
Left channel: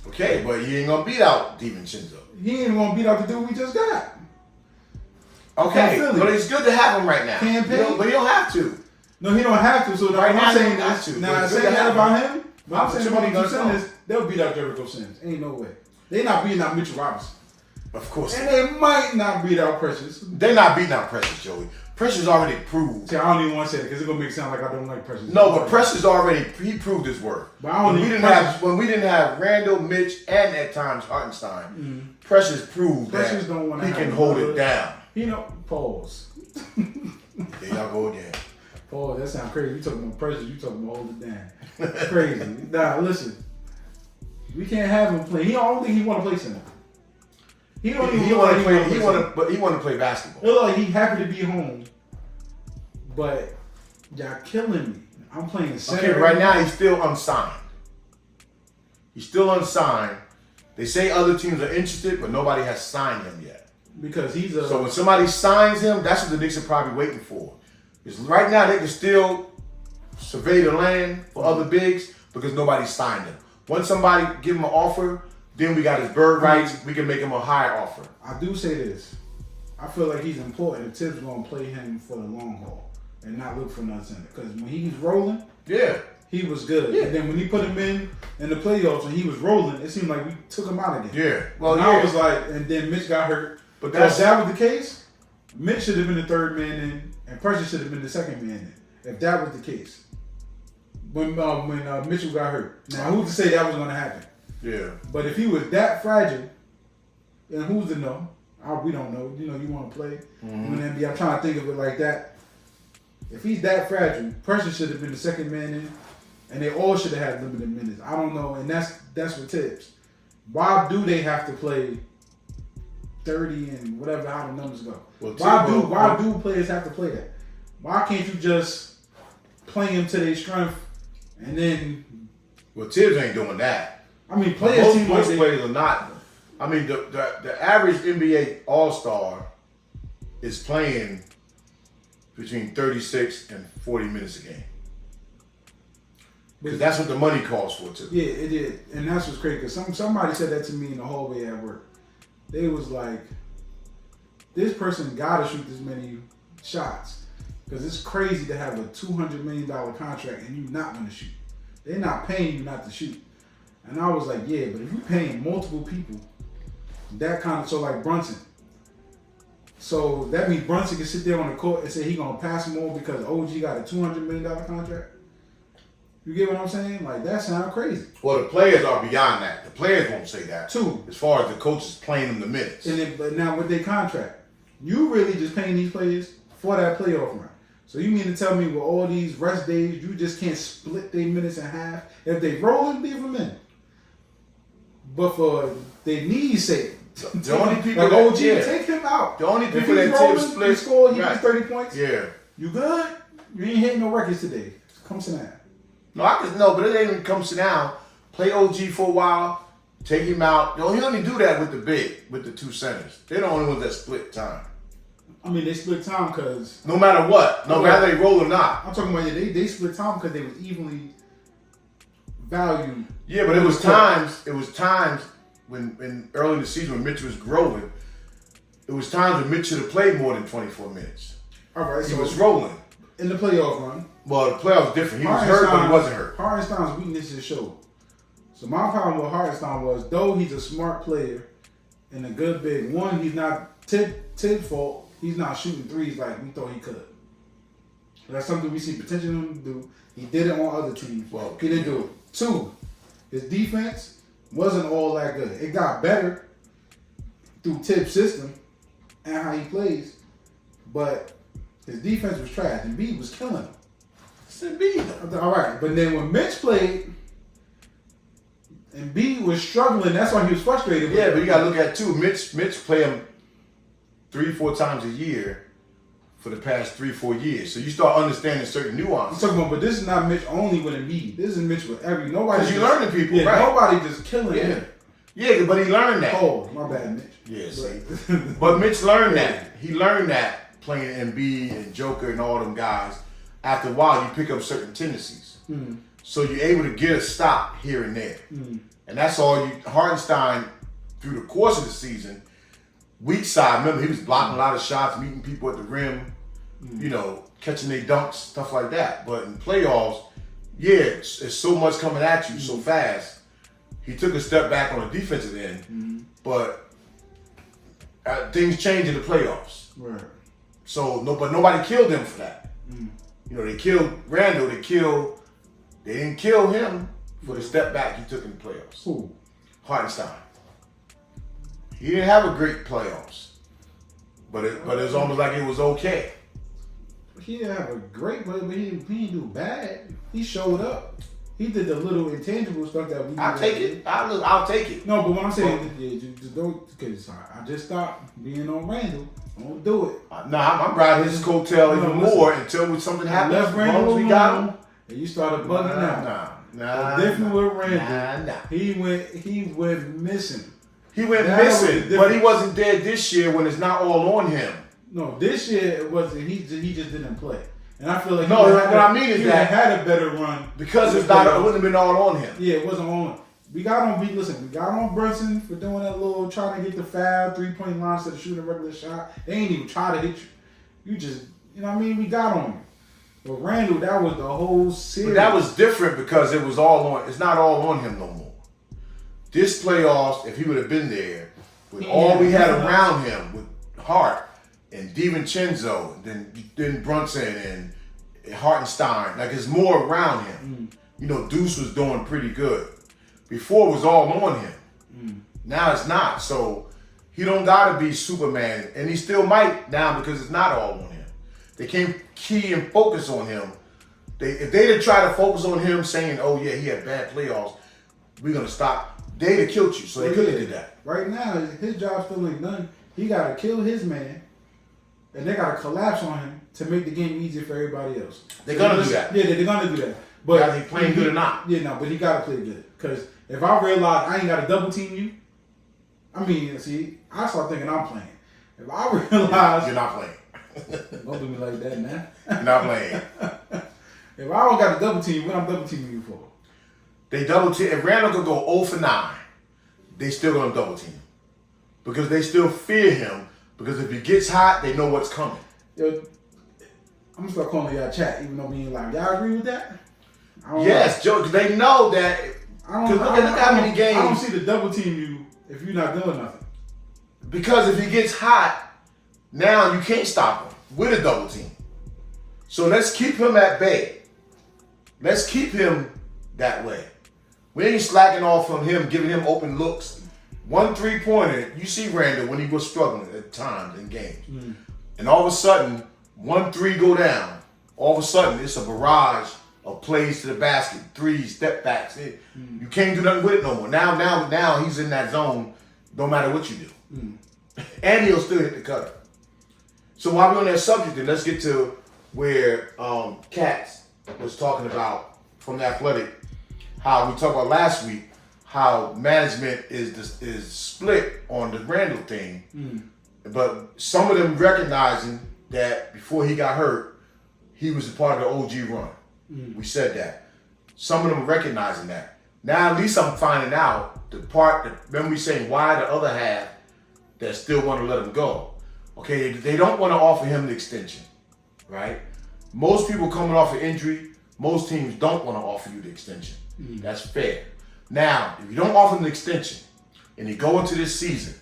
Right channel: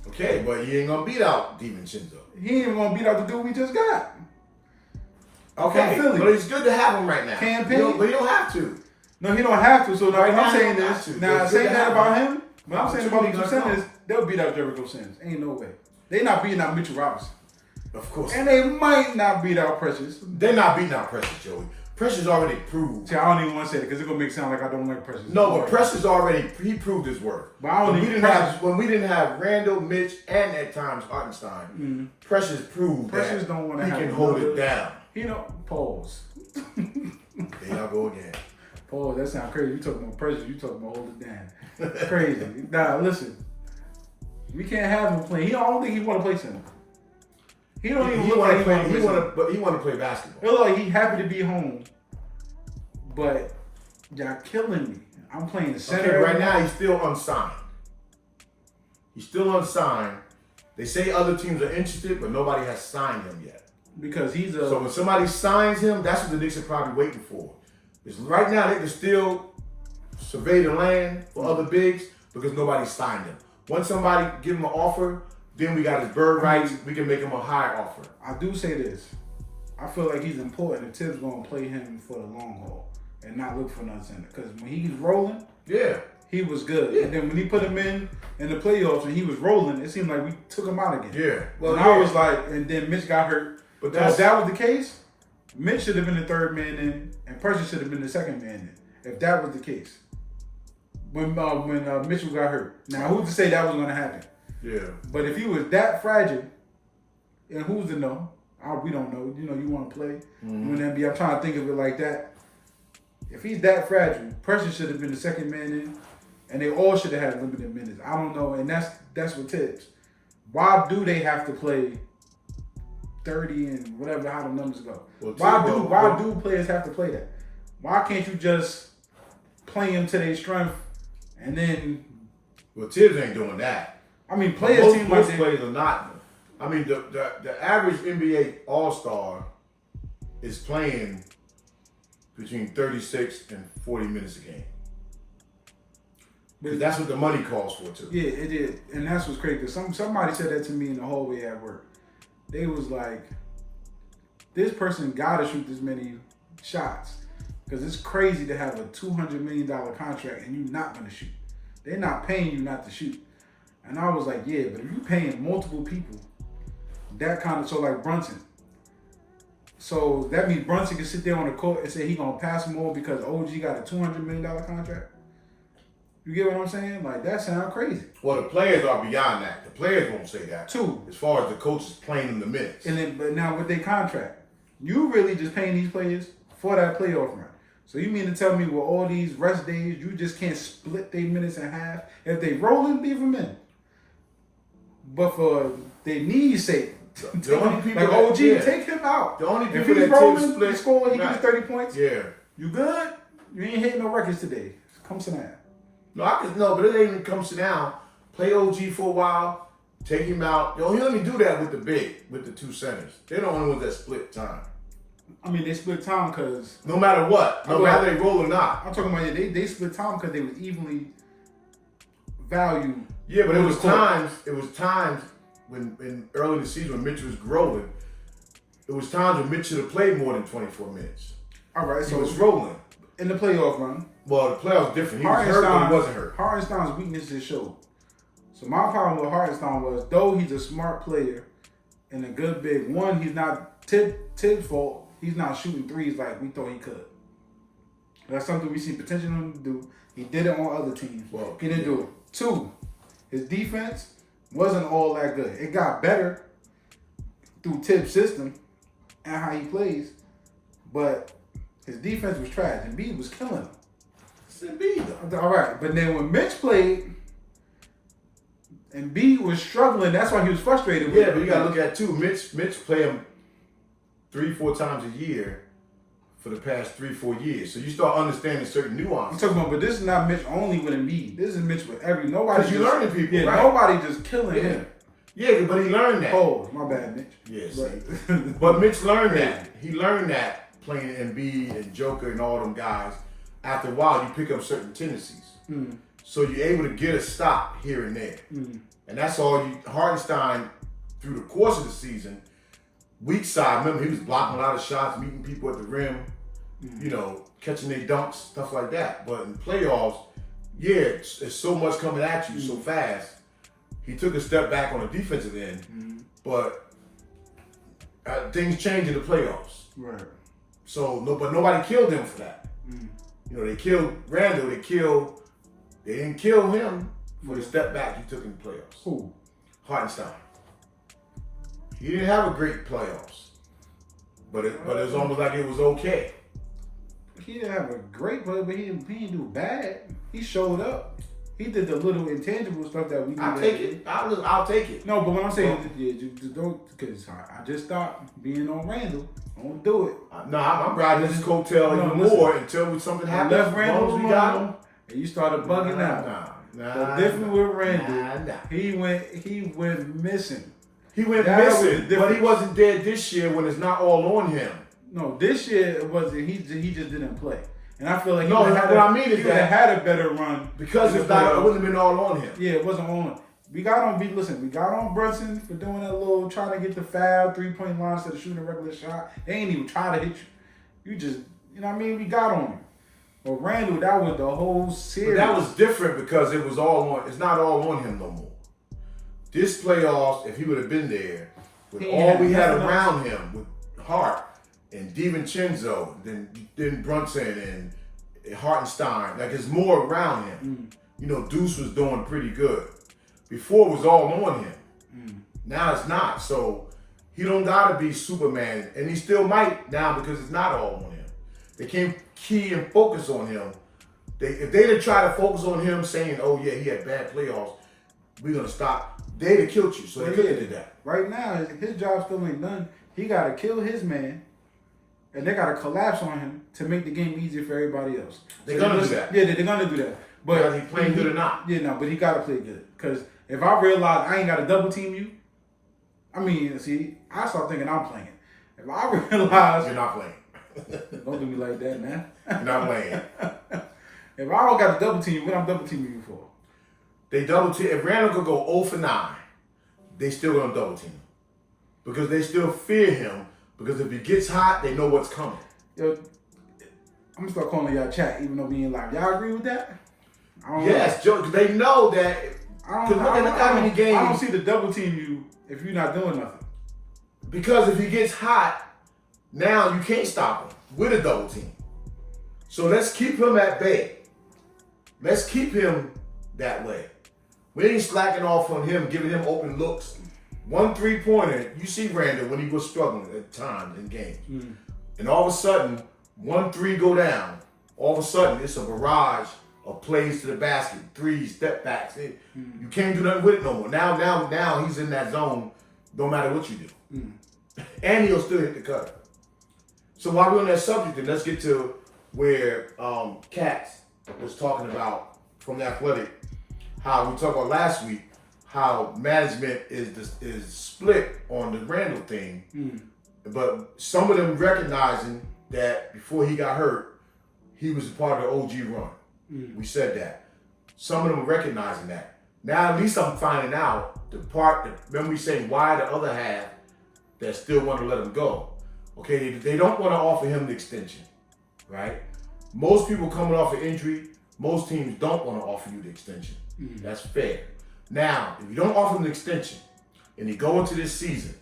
Okay, but he ain't gonna beat out DiVincenzo. He ain't gonna beat out the dude we just got. Okay, but it's good to have him right now. But he don't have to. No, he don't have to. So now right I'm saying this. Now saying that about him. When I'm saying about the two centers, they'll beat out Jericho Sims. Ain't no way. They not beating out Mitchell Robinson. Of course. And they might not beat out Precious. They're not beating out Precious, Joey. Precious already proved. See, I don't even want to say it because it's gonna make it sound like I don't like Precious. No, but Precious he proved his worth. But I don't when we didn't have Randall, Mitch, and at times Hartenstein, Precious proved that don't want to he can hold it down. You know, pause. There y'all go again. Pause. That sounds crazy. You talking about Precious? You talking about hold it down? Crazy. Nah, listen. We can't have him play. I don't think he want to play center. He don't even look like he want to play center. But he want to play basketball. It look like he happy to be home. But y'all killing me. I'm playing center. Okay, right now he's still unsigned. He's still unsigned. They say other teams are interested, but nobody has signed him yet. Because he's So when somebody signs him, that's what the Knicks are probably waiting for. Because right now they can still survey the land for other bigs because nobody signed him. Once somebody give him an offer, then we got his bird rights. We can make him a higher offer. I do say this. I feel like he's important. The Tips going to play him for the long haul and not look for another center. Because when he's rolling, he was good. Yeah. And then when he put him in the playoffs and he was rolling, it seemed like we took him out again. Yeah. Well, I was like, and then Mitch got hurt. But if that was the case, Mitch should have been the third man in, and Precious should have been the second man in. If that was the case, when Mitchell got hurt. Now, who's to say that was going to happen? Yeah. But if he was that fragile, and who's to know? We don't know. You know, you want to play. When NBA, I'm trying to think of it like that. If he's that fragile, Precious should have been the second man in, and they all should have had limited minutes. I don't know, and that's what Tips. Why do they have to play 30 and whatever how the numbers go? Well, why do players have to play that? Why can't you just play them to their strength and then? Well, Tibbs ain't doing that. I mean, players are not. I mean, the average NBA All-Star is playing between 36 and 40 minutes a game. Because that's what the money calls for, too. Yeah, it is. And that's what's crazy. Because somebody said that to me in the hallway at work. They was like, this person got to shoot this many shots. Because it's crazy to have a $200 million contract and you not going to shoot. They're not paying you not to shoot. And I was like, yeah, but if you're paying multiple people, that kind of, so like Brunson. So that means Brunson can sit there on the court and say he going to pass more because OG got a $200 million contract. You get what I'm saying? Like, that sounds crazy. Well, the players are beyond that. The players won't say that. Too. As far as the coaches playing them the minutes. But now with their contract, you really just paying these players for that playoff run. So you mean to tell me with all these rest days, you just can't split their minutes in half? If they rolling, leave them in. But for their knees' sake, the only people like that, OG, take him out. The only people if he's that rolling, split, he scored, he gets 30 points. Yeah. You good? You ain't hitting no records today. Come sit down. No, but it ain't even come sit down. Play OG for a while, take him out. He only do that with the two centers. They're the only ones that split time. I mean, they split time because no matter what, no matter they roll or not. I'm talking about they split time because they was evenly valued. Yeah, but it was times when early in the season when Mitch was growing, it was times when Mitch should have played more than 24 minutes. All right, he was rolling in the playoff run. Well, the playoffs was different. He was hurt, but he wasn't hurt. Hartenstein's weaknesses showed. So my problem with Hartenstein was, though he's a smart player and a good big one, he's not Tibbs' fault. He's not shooting threes like we thought he could. That's something we see potential in him to do. He did it on other teams. Well, he didn't do it. 2, his defense wasn't all that good. It got better through Tibbs' system and how he plays, but his defense was trash. And B was killing him. It's Embiid, though. All right, but then when Mitch played, Embiid was struggling. That's why he was frustrated. Yeah, but you gotta look at too. Mitch play him 3-4 times a year for the past 3-4 years. So you start understanding certain nuances. I'm talking about, but this is not Mitch only with Embiid. This is Mitch with nobody. Because you learning people, yeah, right? Nobody just killing him. Yeah, but he learned that. Oh, my bad, Mitch. Yeah, but Mitch learned that. He learned that playing Embiid and Joker and all them guys. After a while, you pick up certain tendencies. Mm. So you're able to get a stop here and there. Mm. And that's all you. Hartenstein, through the course of the season, weak side, remember, he was blocking a lot of shots, meeting people at the rim, you know, catching their dunks, stuff like that. But in playoffs, yeah, it's so much coming at you so fast. He took a step back on the defensive end, but things change in the playoffs. Right. So, but nobody killed him for that. You know, they killed Randall. They didn't kill him for the step back he took in the playoffs. Who? Hartenstein. He didn't have a great playoffs, but it was almost like it was okay. He didn't have a great play, but he didn't do bad. He showed up. He did the little intangible stuff that we. I'll take it. I'll take it. No, but what I'm saying, just don't, because I just stopped being on Randall. Don't do it. No, I'm riding his coattail even more until something happens. Left Randall we got him. and you started bugging out. Nah. Different with Randall. He went missing. He went missing, but he wasn't there this year when it's not all on him. No, this year it wasn't. He just didn't play, and I feel like he had a better run because it wouldn't have been all on him. Yeah, it wasn't on him. We got on Brunson for doing that little trying to get the foul 3-point line instead of shooting a regular shot. They ain't even try to hit you. You just, you know what I mean? We got on him. But Randall, that was the whole series. But that was different because it was it's not all on him no more. This playoffs, if he would have been there, with all we had around him, with Hart and DiVincenzo, then Brunson and Hartenstein, like it's more around him. You know, Deuce was doing pretty good. Before it was all on him. Now it's not. So he don't gotta be Superman, and he still might now because it's not all on him. They can't key and focus on him. If they'd have tried to focus on him saying, "Oh yeah, he had bad playoffs, we're gonna stop," they'd have killed you. So they could have did that. Right now, his job still ain't done. He gotta kill his man, and they gotta collapse on him to make the game easier for everybody else. They're gonna do that. Yeah, they're gonna do that. But whether he playing good or not. Yeah, no, but he gotta play good. Because if I realize I ain't gotta double team you, I mean, see, I start thinking I'm playing. If I realize you're not playing. Don't do me like that, man. You're not playing. If I don't got to double team, what I'm double teaming you for? They double team. If Randall could go 0 for 9, they still gonna double team him because they still fear him. Because if he gets hot, they know what's coming. Yo, I'm gonna start calling y'all chat, even though we ain't live. Y'all agree with that? Yes, Joe. They know that. Look how many games. I don't see the double team you if you're not doing nothing. Because if he gets hot, now you can't stop him with a double team. So let's keep him at bay. Let's keep him that way. We ain't slacking off on him, giving him open looks. 1 3-pointer, you see Randall when he was struggling at times in games. And all of a sudden, 1 3 go down. All of a sudden, it's a barrage of plays to the basket, threes, step backs. You can't do nothing with it no more. Now he's in that zone no matter what you do. And he'll still hit the cutter. So while we're on that subject, then let's get to where Katz was talking about from the Athletic, how we talked about last week, how management is split on the Randall thing. But some of them recognizing that before he got hurt, he was a part of the OG run. We said that. Some of them are recognizing that. Now at least I'm finding out the part that, remember we saying why the other half that still want to let him go. Okay, they don't want to offer him the extension, right? Most people coming off an injury, most teams don't want to offer you the extension. That's fair. Now, if you don't offer him the extension and he go into this season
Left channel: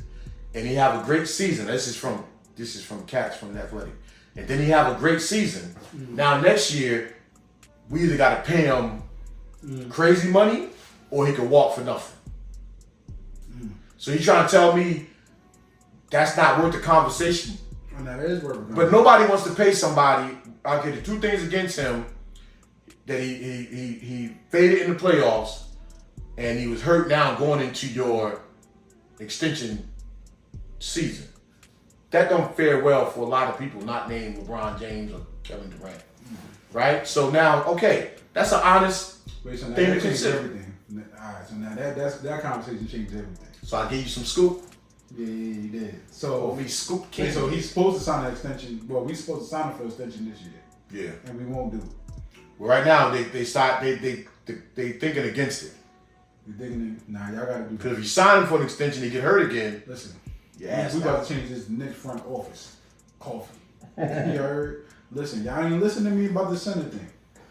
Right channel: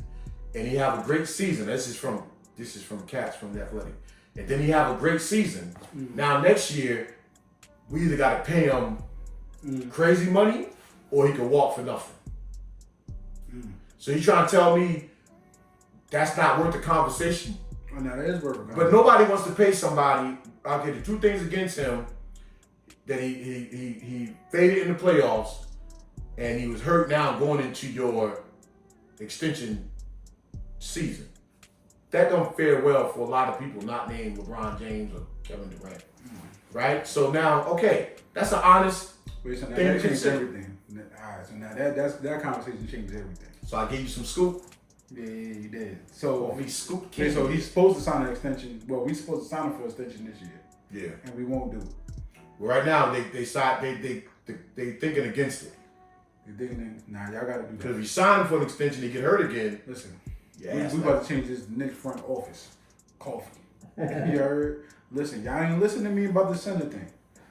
and he have a great season, this is from Katz from the Athletic, and then he have a great season. Now next year, we either got to pay him crazy money or he can walk for nothing. So you trying to tell me that's not worth the conversation? Oh, no, that is worth the conversation. But nobody wants to pay somebody. Okay, the two things against him, that he faded in the playoffs, and he was hurt now going into your extension season. That don't fare well for a lot of people not named LeBron James or Kevin Durant, right? So now, okay, that's an honest Wait, so now thing that to changed consider. everything. All right, so now that conversation changed everything. So I gave you some scoop. Yeah, he did. So He scoop yeah, so he's supposed to sign an extension. Well, we're supposed to sign him for an extension this year. Yeah. And we won't do it. Well, right now they thinking against it. You digging in? Nah, y'all gotta do Because if that. you sign for an extension, he get hurt again. Listen, Yeah. we about to change this Knicks front office. Koffee. You heard? Listen, y'all ain't listen to me about the center thing.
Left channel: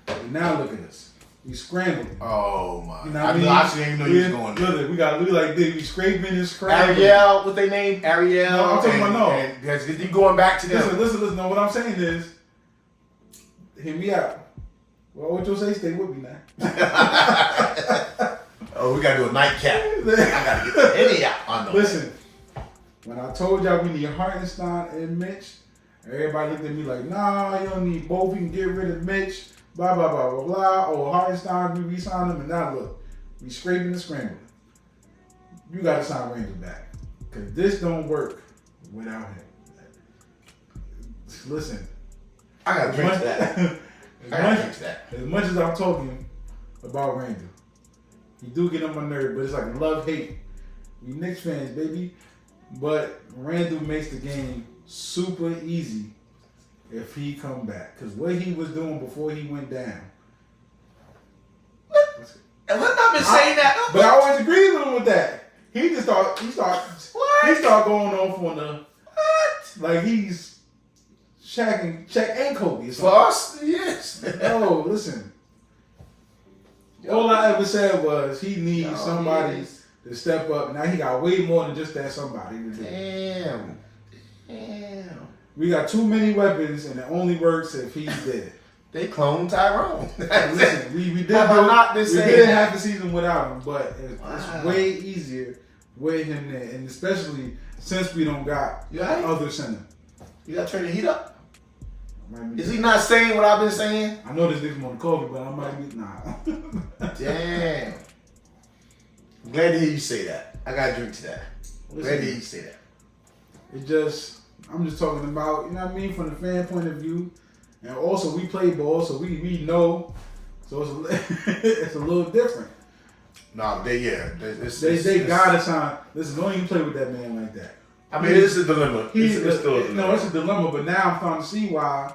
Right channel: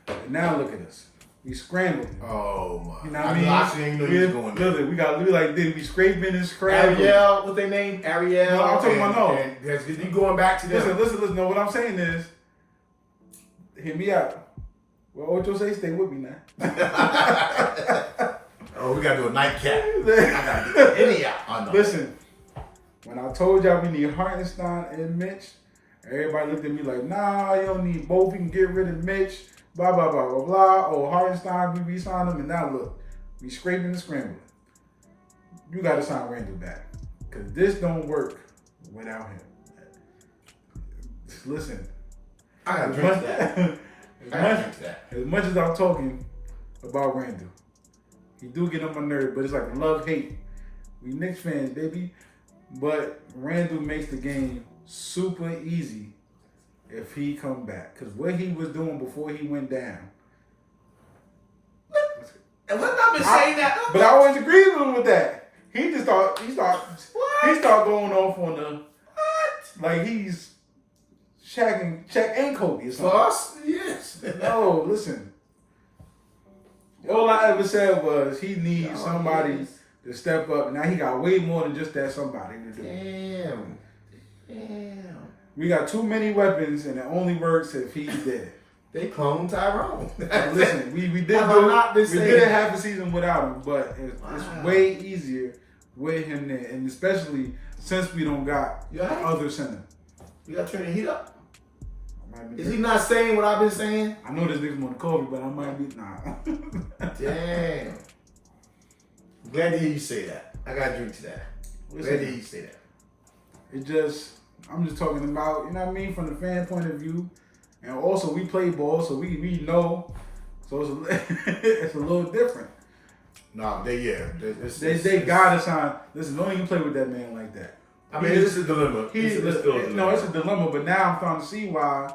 And now look at us. We scrambling. Oh my! You know what I mean? I actually didn't even know you was going there. Look, we like this. We scraping and scrambling. Ariel, what they name? Ariel. No, I'm talking about no. And you going back to them? Listen. No, what I'm saying is, hear me out. Well, Ocho say, stay with me now. Oh, we gotta do a nightcap. I gotta get the Henny out. I know. Listen, when I told y'all we need Hartenstein and Mitch, everybody looked at me like, nah, you don't need both. We can get rid of Mitch. Blah, blah, blah, blah, blah. Oh, Hartenstein, we re-signed him, and now look, we scraping and scrambling. You got to sign Randall back. Because this don't work without him. Listen. I gotta drink to that. As much as I'm talking about Randall, he do get on my nerve, but it's like love-hate. We Knicks fans, baby. But Randall makes the game super easy if he come back. Because what he was doing before he went down. And what I've been saying that. But I always agree with him with that. He start going off on the like he's Shaq and Kobe. Floss? Yes. No, listen. All I ever said was he needs somebody to step up. Now he got way more than just that somebody to do. Damn. We got too many weapons, and it only works if he's dead. They cloned Tyrone. Listen, we did half the season without him, but it's way easier with him there, and especially since we don't got other center. You gotta turn the heat up. Is he not saying what I've been saying? I know this nigga want to call me, but I might be Damn. I'm glad to hear you say that. I gotta drink to that. Glad to hear you say that. I'm just talking about, you know what I mean, from the fan point of view. And also, we play ball, so we know. So it's a little different. Nah, they gotta sign. Listen, don't even play with that man like that. I mean, it's a dilemma. It's still a dilemma. No, it's a dilemma, but now I'm starting to see why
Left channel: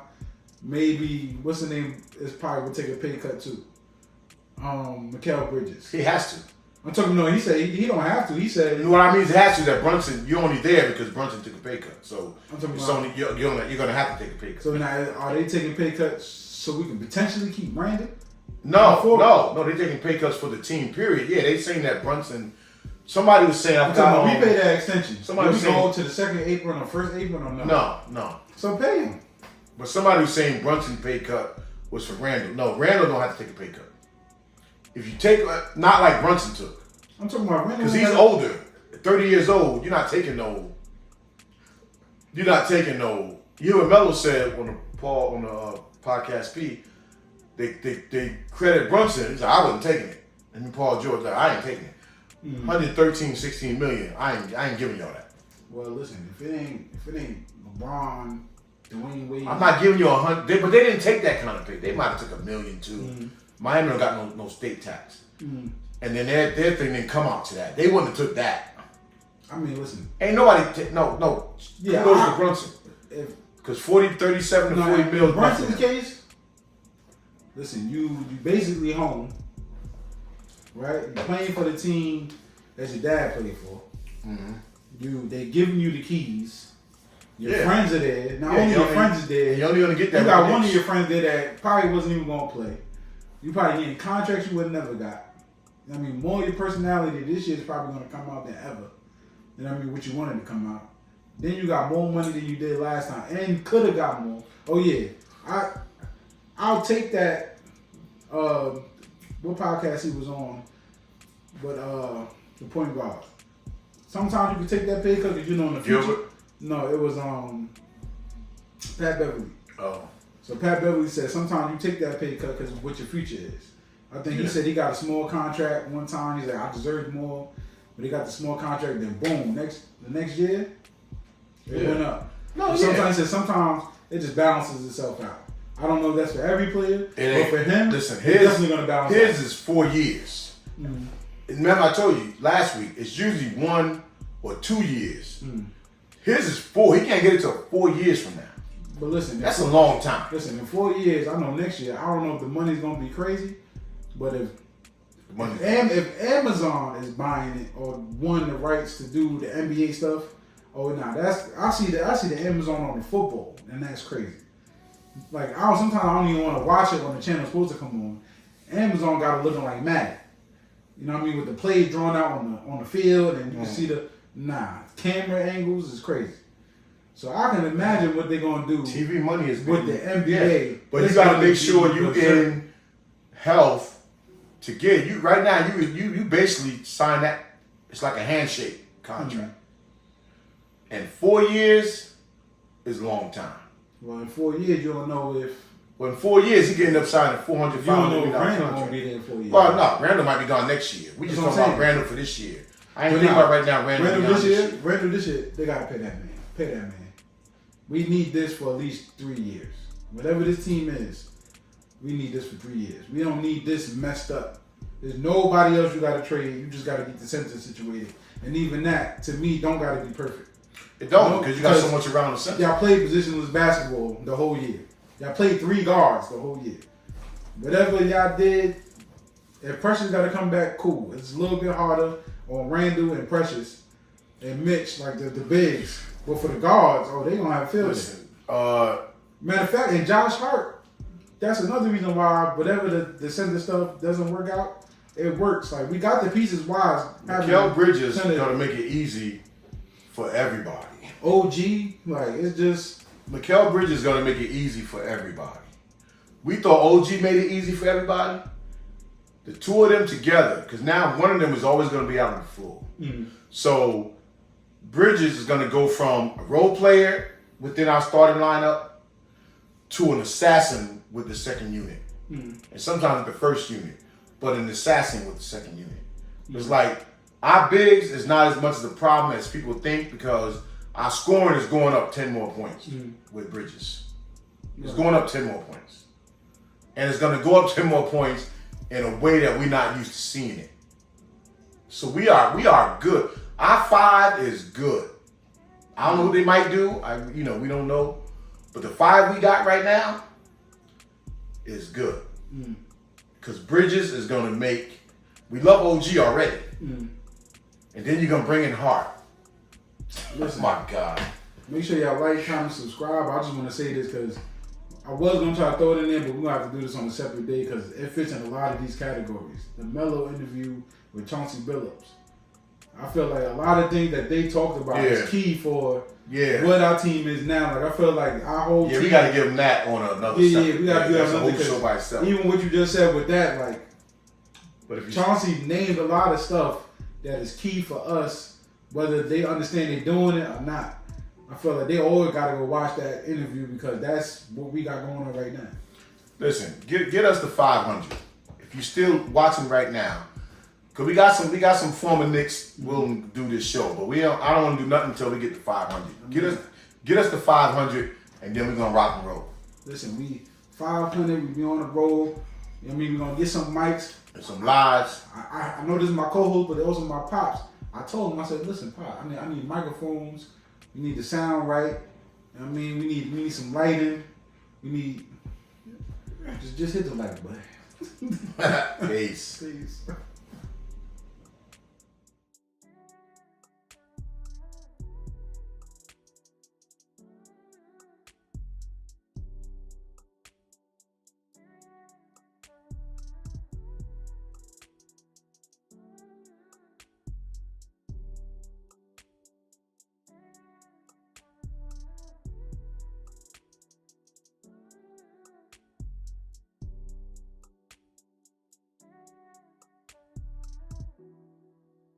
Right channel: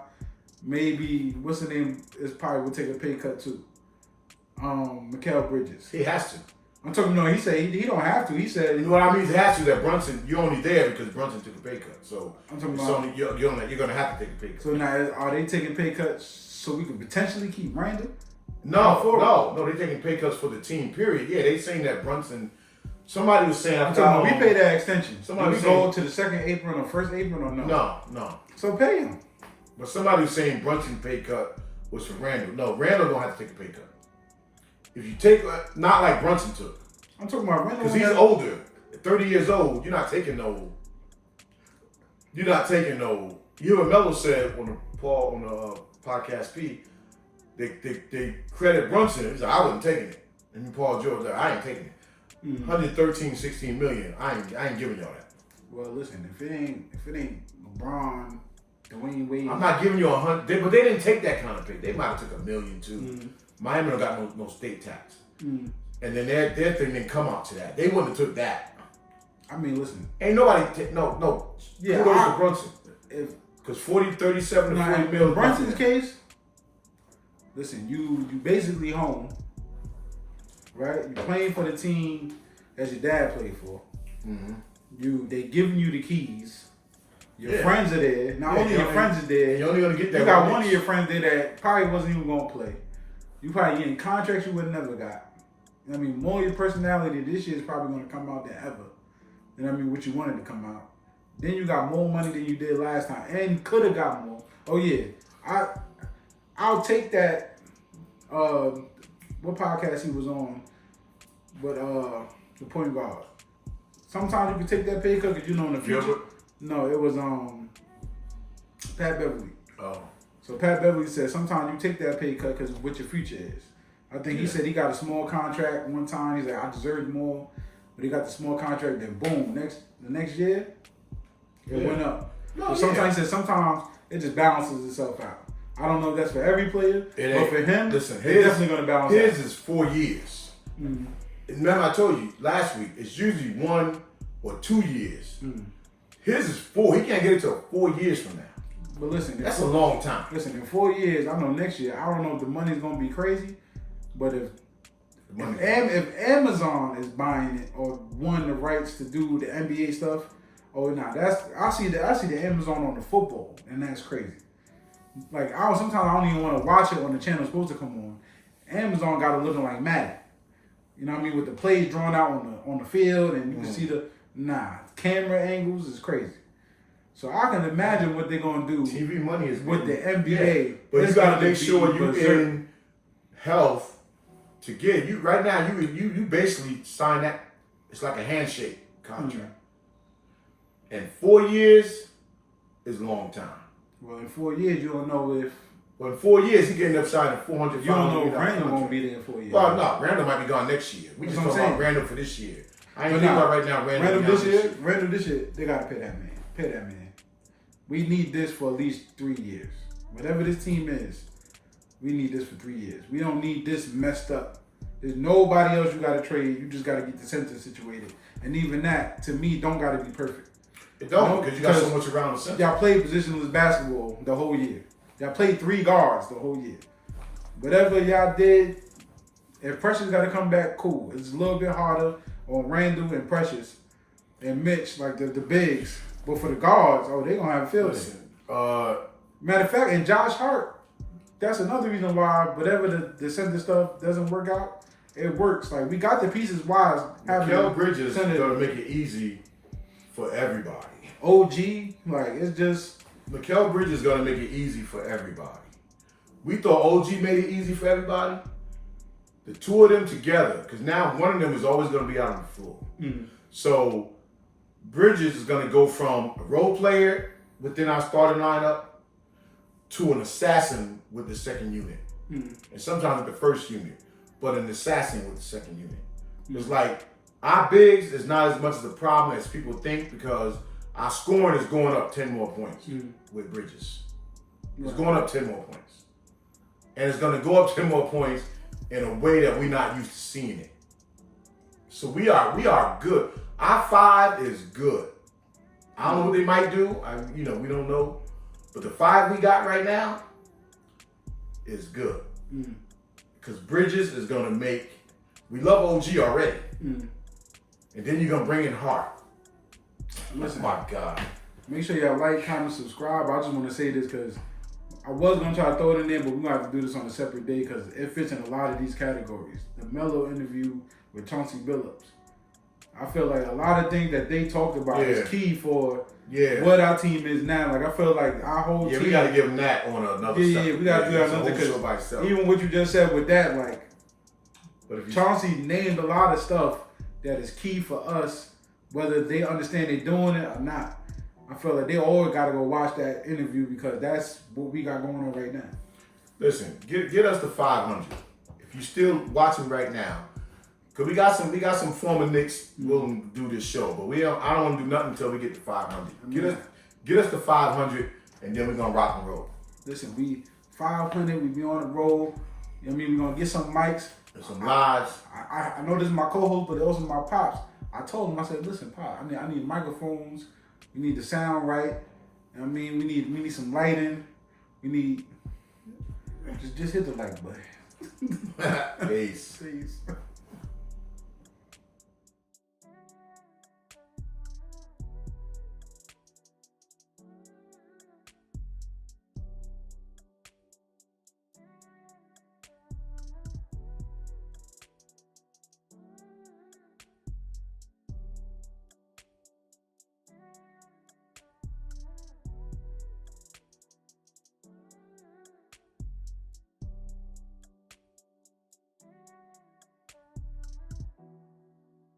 maybe, what's the name, is probably will take a pay cut too. Mikal Bridges. He has to. I'm talking, no, he said he don't have to. He said, you know what I mean? He has to. That Brunson, you're only there because Brunson took a pay cut. So I'm talking about, you're going to have to take a pay cut. So now, are they taking pay cuts so we can potentially keep Randall? No, they're taking pay cuts for the team, period. Yeah, they saying that Brunson, somebody was saying, I'm talking about, we pay that extension. Somebody we was saying, go to the second apron or first apron or no? No. So pay him. But somebody was saying Brunson pay cut was for Randall. No, Randall don't have to take a pay cut. If you take, not like Brunson took. I'm talking about Randall. Because he's older, 30 years old. You're not taking no. You and Melo said on the podcast P, they credit Brunson. He's like, I wasn't taking it. And Paul George like, I ain't taking it. 113, 16 million. I ain't giving y'all that. Well, listen, if it ain't LeBron, Dwayne Wade, I'm not giving you 100. But they didn't take that kind of pay. They might have took $1 million too. Miami don't got no state tax. And then their thing didn't come out to that. They wouldn't have took that. I mean, listen. Ain't nobody no. Yeah, kudos to Brunson. Because 37 to 40 mil. Brunson's case, listen, you basically home, right? You playing for the team that your dad played for. They giving you the keys. Your friends are there. Not only your friends are there. You're only gonna get that. You got one of your friends there that probably wasn't even gonna play. You probably getting contracts you would have never got. I mean, more of your personality this year is probably going to come out than ever. You know what I mean? What you wanted to come out. Then you got more money than you did last time, and could have got more. Oh yeah, I'll take that. What podcast he was on? But the point guard. Sometimes you can take that pay cut because you know in the future. Gilbert? No, it was Pat Beverly. Oh. So Pat Beverly said sometimes you take that pay cut because of what your future is. I think he said he got a small contract one time. He's like, I deserved more, but he got the small contract. Then boom, the next year it went up. No, sometimes he said sometimes it just balances itself out. I don't know if that's for every player, but for him, listen, it's definitely going to balance out. His is 4 years. Mm-hmm. Remember I told you last week, it's usually 1 or 2 years. Mm. His is 4. He can't get it till 4 years from now. But listen, that's a long time. Listen, in 4 years, I know next year, I don't know if the money's going to be crazy, but if Amazon is buying it or won the rights to do the NBA stuff, I see the Amazon on the football, and that's crazy. Like sometimes I don't even want to watch it on the channel it's supposed to come on. Amazon got it looking like Madden. You know what I mean? With the plays drawn out on the field, and you can see the camera angles is crazy. So I can imagine what they're gonna do. TV money is with the NBA, but you gotta make sure you in health to get you. Right now, you basically sign that. It's like a handshake contract. Mm-hmm. And 4 years is a long time. Well, in 4 years, you don't know if. Well, in 4 years, he can end up signing 400. You don't know if Randall won't be there in 4 years. Well, no, Randall might be gone next year. We just talking about Randall for this year. I ain't thinking about right now. Randall this year, they gotta pay that man. Pay that man. We need this for at least 3 years. Whatever this team is, we need this for 3 years. We don't need this messed up. There's nobody else you gotta trade. You just gotta get the center situated. And even that, to me, don't gotta be perfect. It don't, because you got so much around the center. Y'all played positionless basketball the whole year. Y'all played 3 guards the whole year. Whatever y'all did, if Precious got to come back, cool. It's a little bit harder on Randall and Precious and Mitch, like the bigs. But for the guards, they going to have field. Matter of fact, and Josh Hart, that's another reason why whatever the center stuff doesn't work out, it works. Like, we got the pieces wise. Mikal Bridges is going to make it easy for everybody. OG, like, it's just... Mikal Bridges is going to make it easy for everybody. We thought OG made it easy for everybody. The two of them together, because now one of them is always going to be out on the floor. Mm-hmm. So Bridges is going to go from a role player within our starting lineup to an assassin with the second unit. Mm-hmm. And sometimes the first unit, but an assassin with the second unit. Mm-hmm. It's like our bigs is not as much of a problem as people think, because our scoring is going up 10 more points with Bridges. It's going up 10 more points. And it's going to go up 10 more points in a way that we're not used to seeing it. So we are good. Our 5 is good. I don't know what they might do. We don't know. But the 5 we got right now is good. Because Bridges is going to make... We love OG already. And then you're going to bring in Hart. Listen, oh my God. Make sure y'all like, comment, subscribe. I just want to say this because I was going to try to throw it in there, but we're going to have to do this on a separate day because it fits in a lot of these categories. The Melo interview with Chauncey Billups. I feel like a lot of things that they talked about is key for what our team is now. Like, I feel like our whole team... we got to give them that on another we got to do that on another because even what you just said with that, like, but if Chauncey named a lot of stuff that is key for us, whether they understand they're doing it or not. I feel like they always got to go watch that interview because that's what we got going on right now. Listen, get us to 500. If you're still watching right now, because we got some former Knicks willing to do this show, but I don't want to do nothing until we get to 500. Get us to 500, and then we're gonna rock and roll. Listen, we 500. We be on the road. You know what I mean? We're gonna get some mics and some lives. I know this is my co-host, but also my pops. I told him, I said, listen, Pop, I need microphones. We need the sound right. I mean, we need some lighting. We need just hit the like button. Peace. Peace.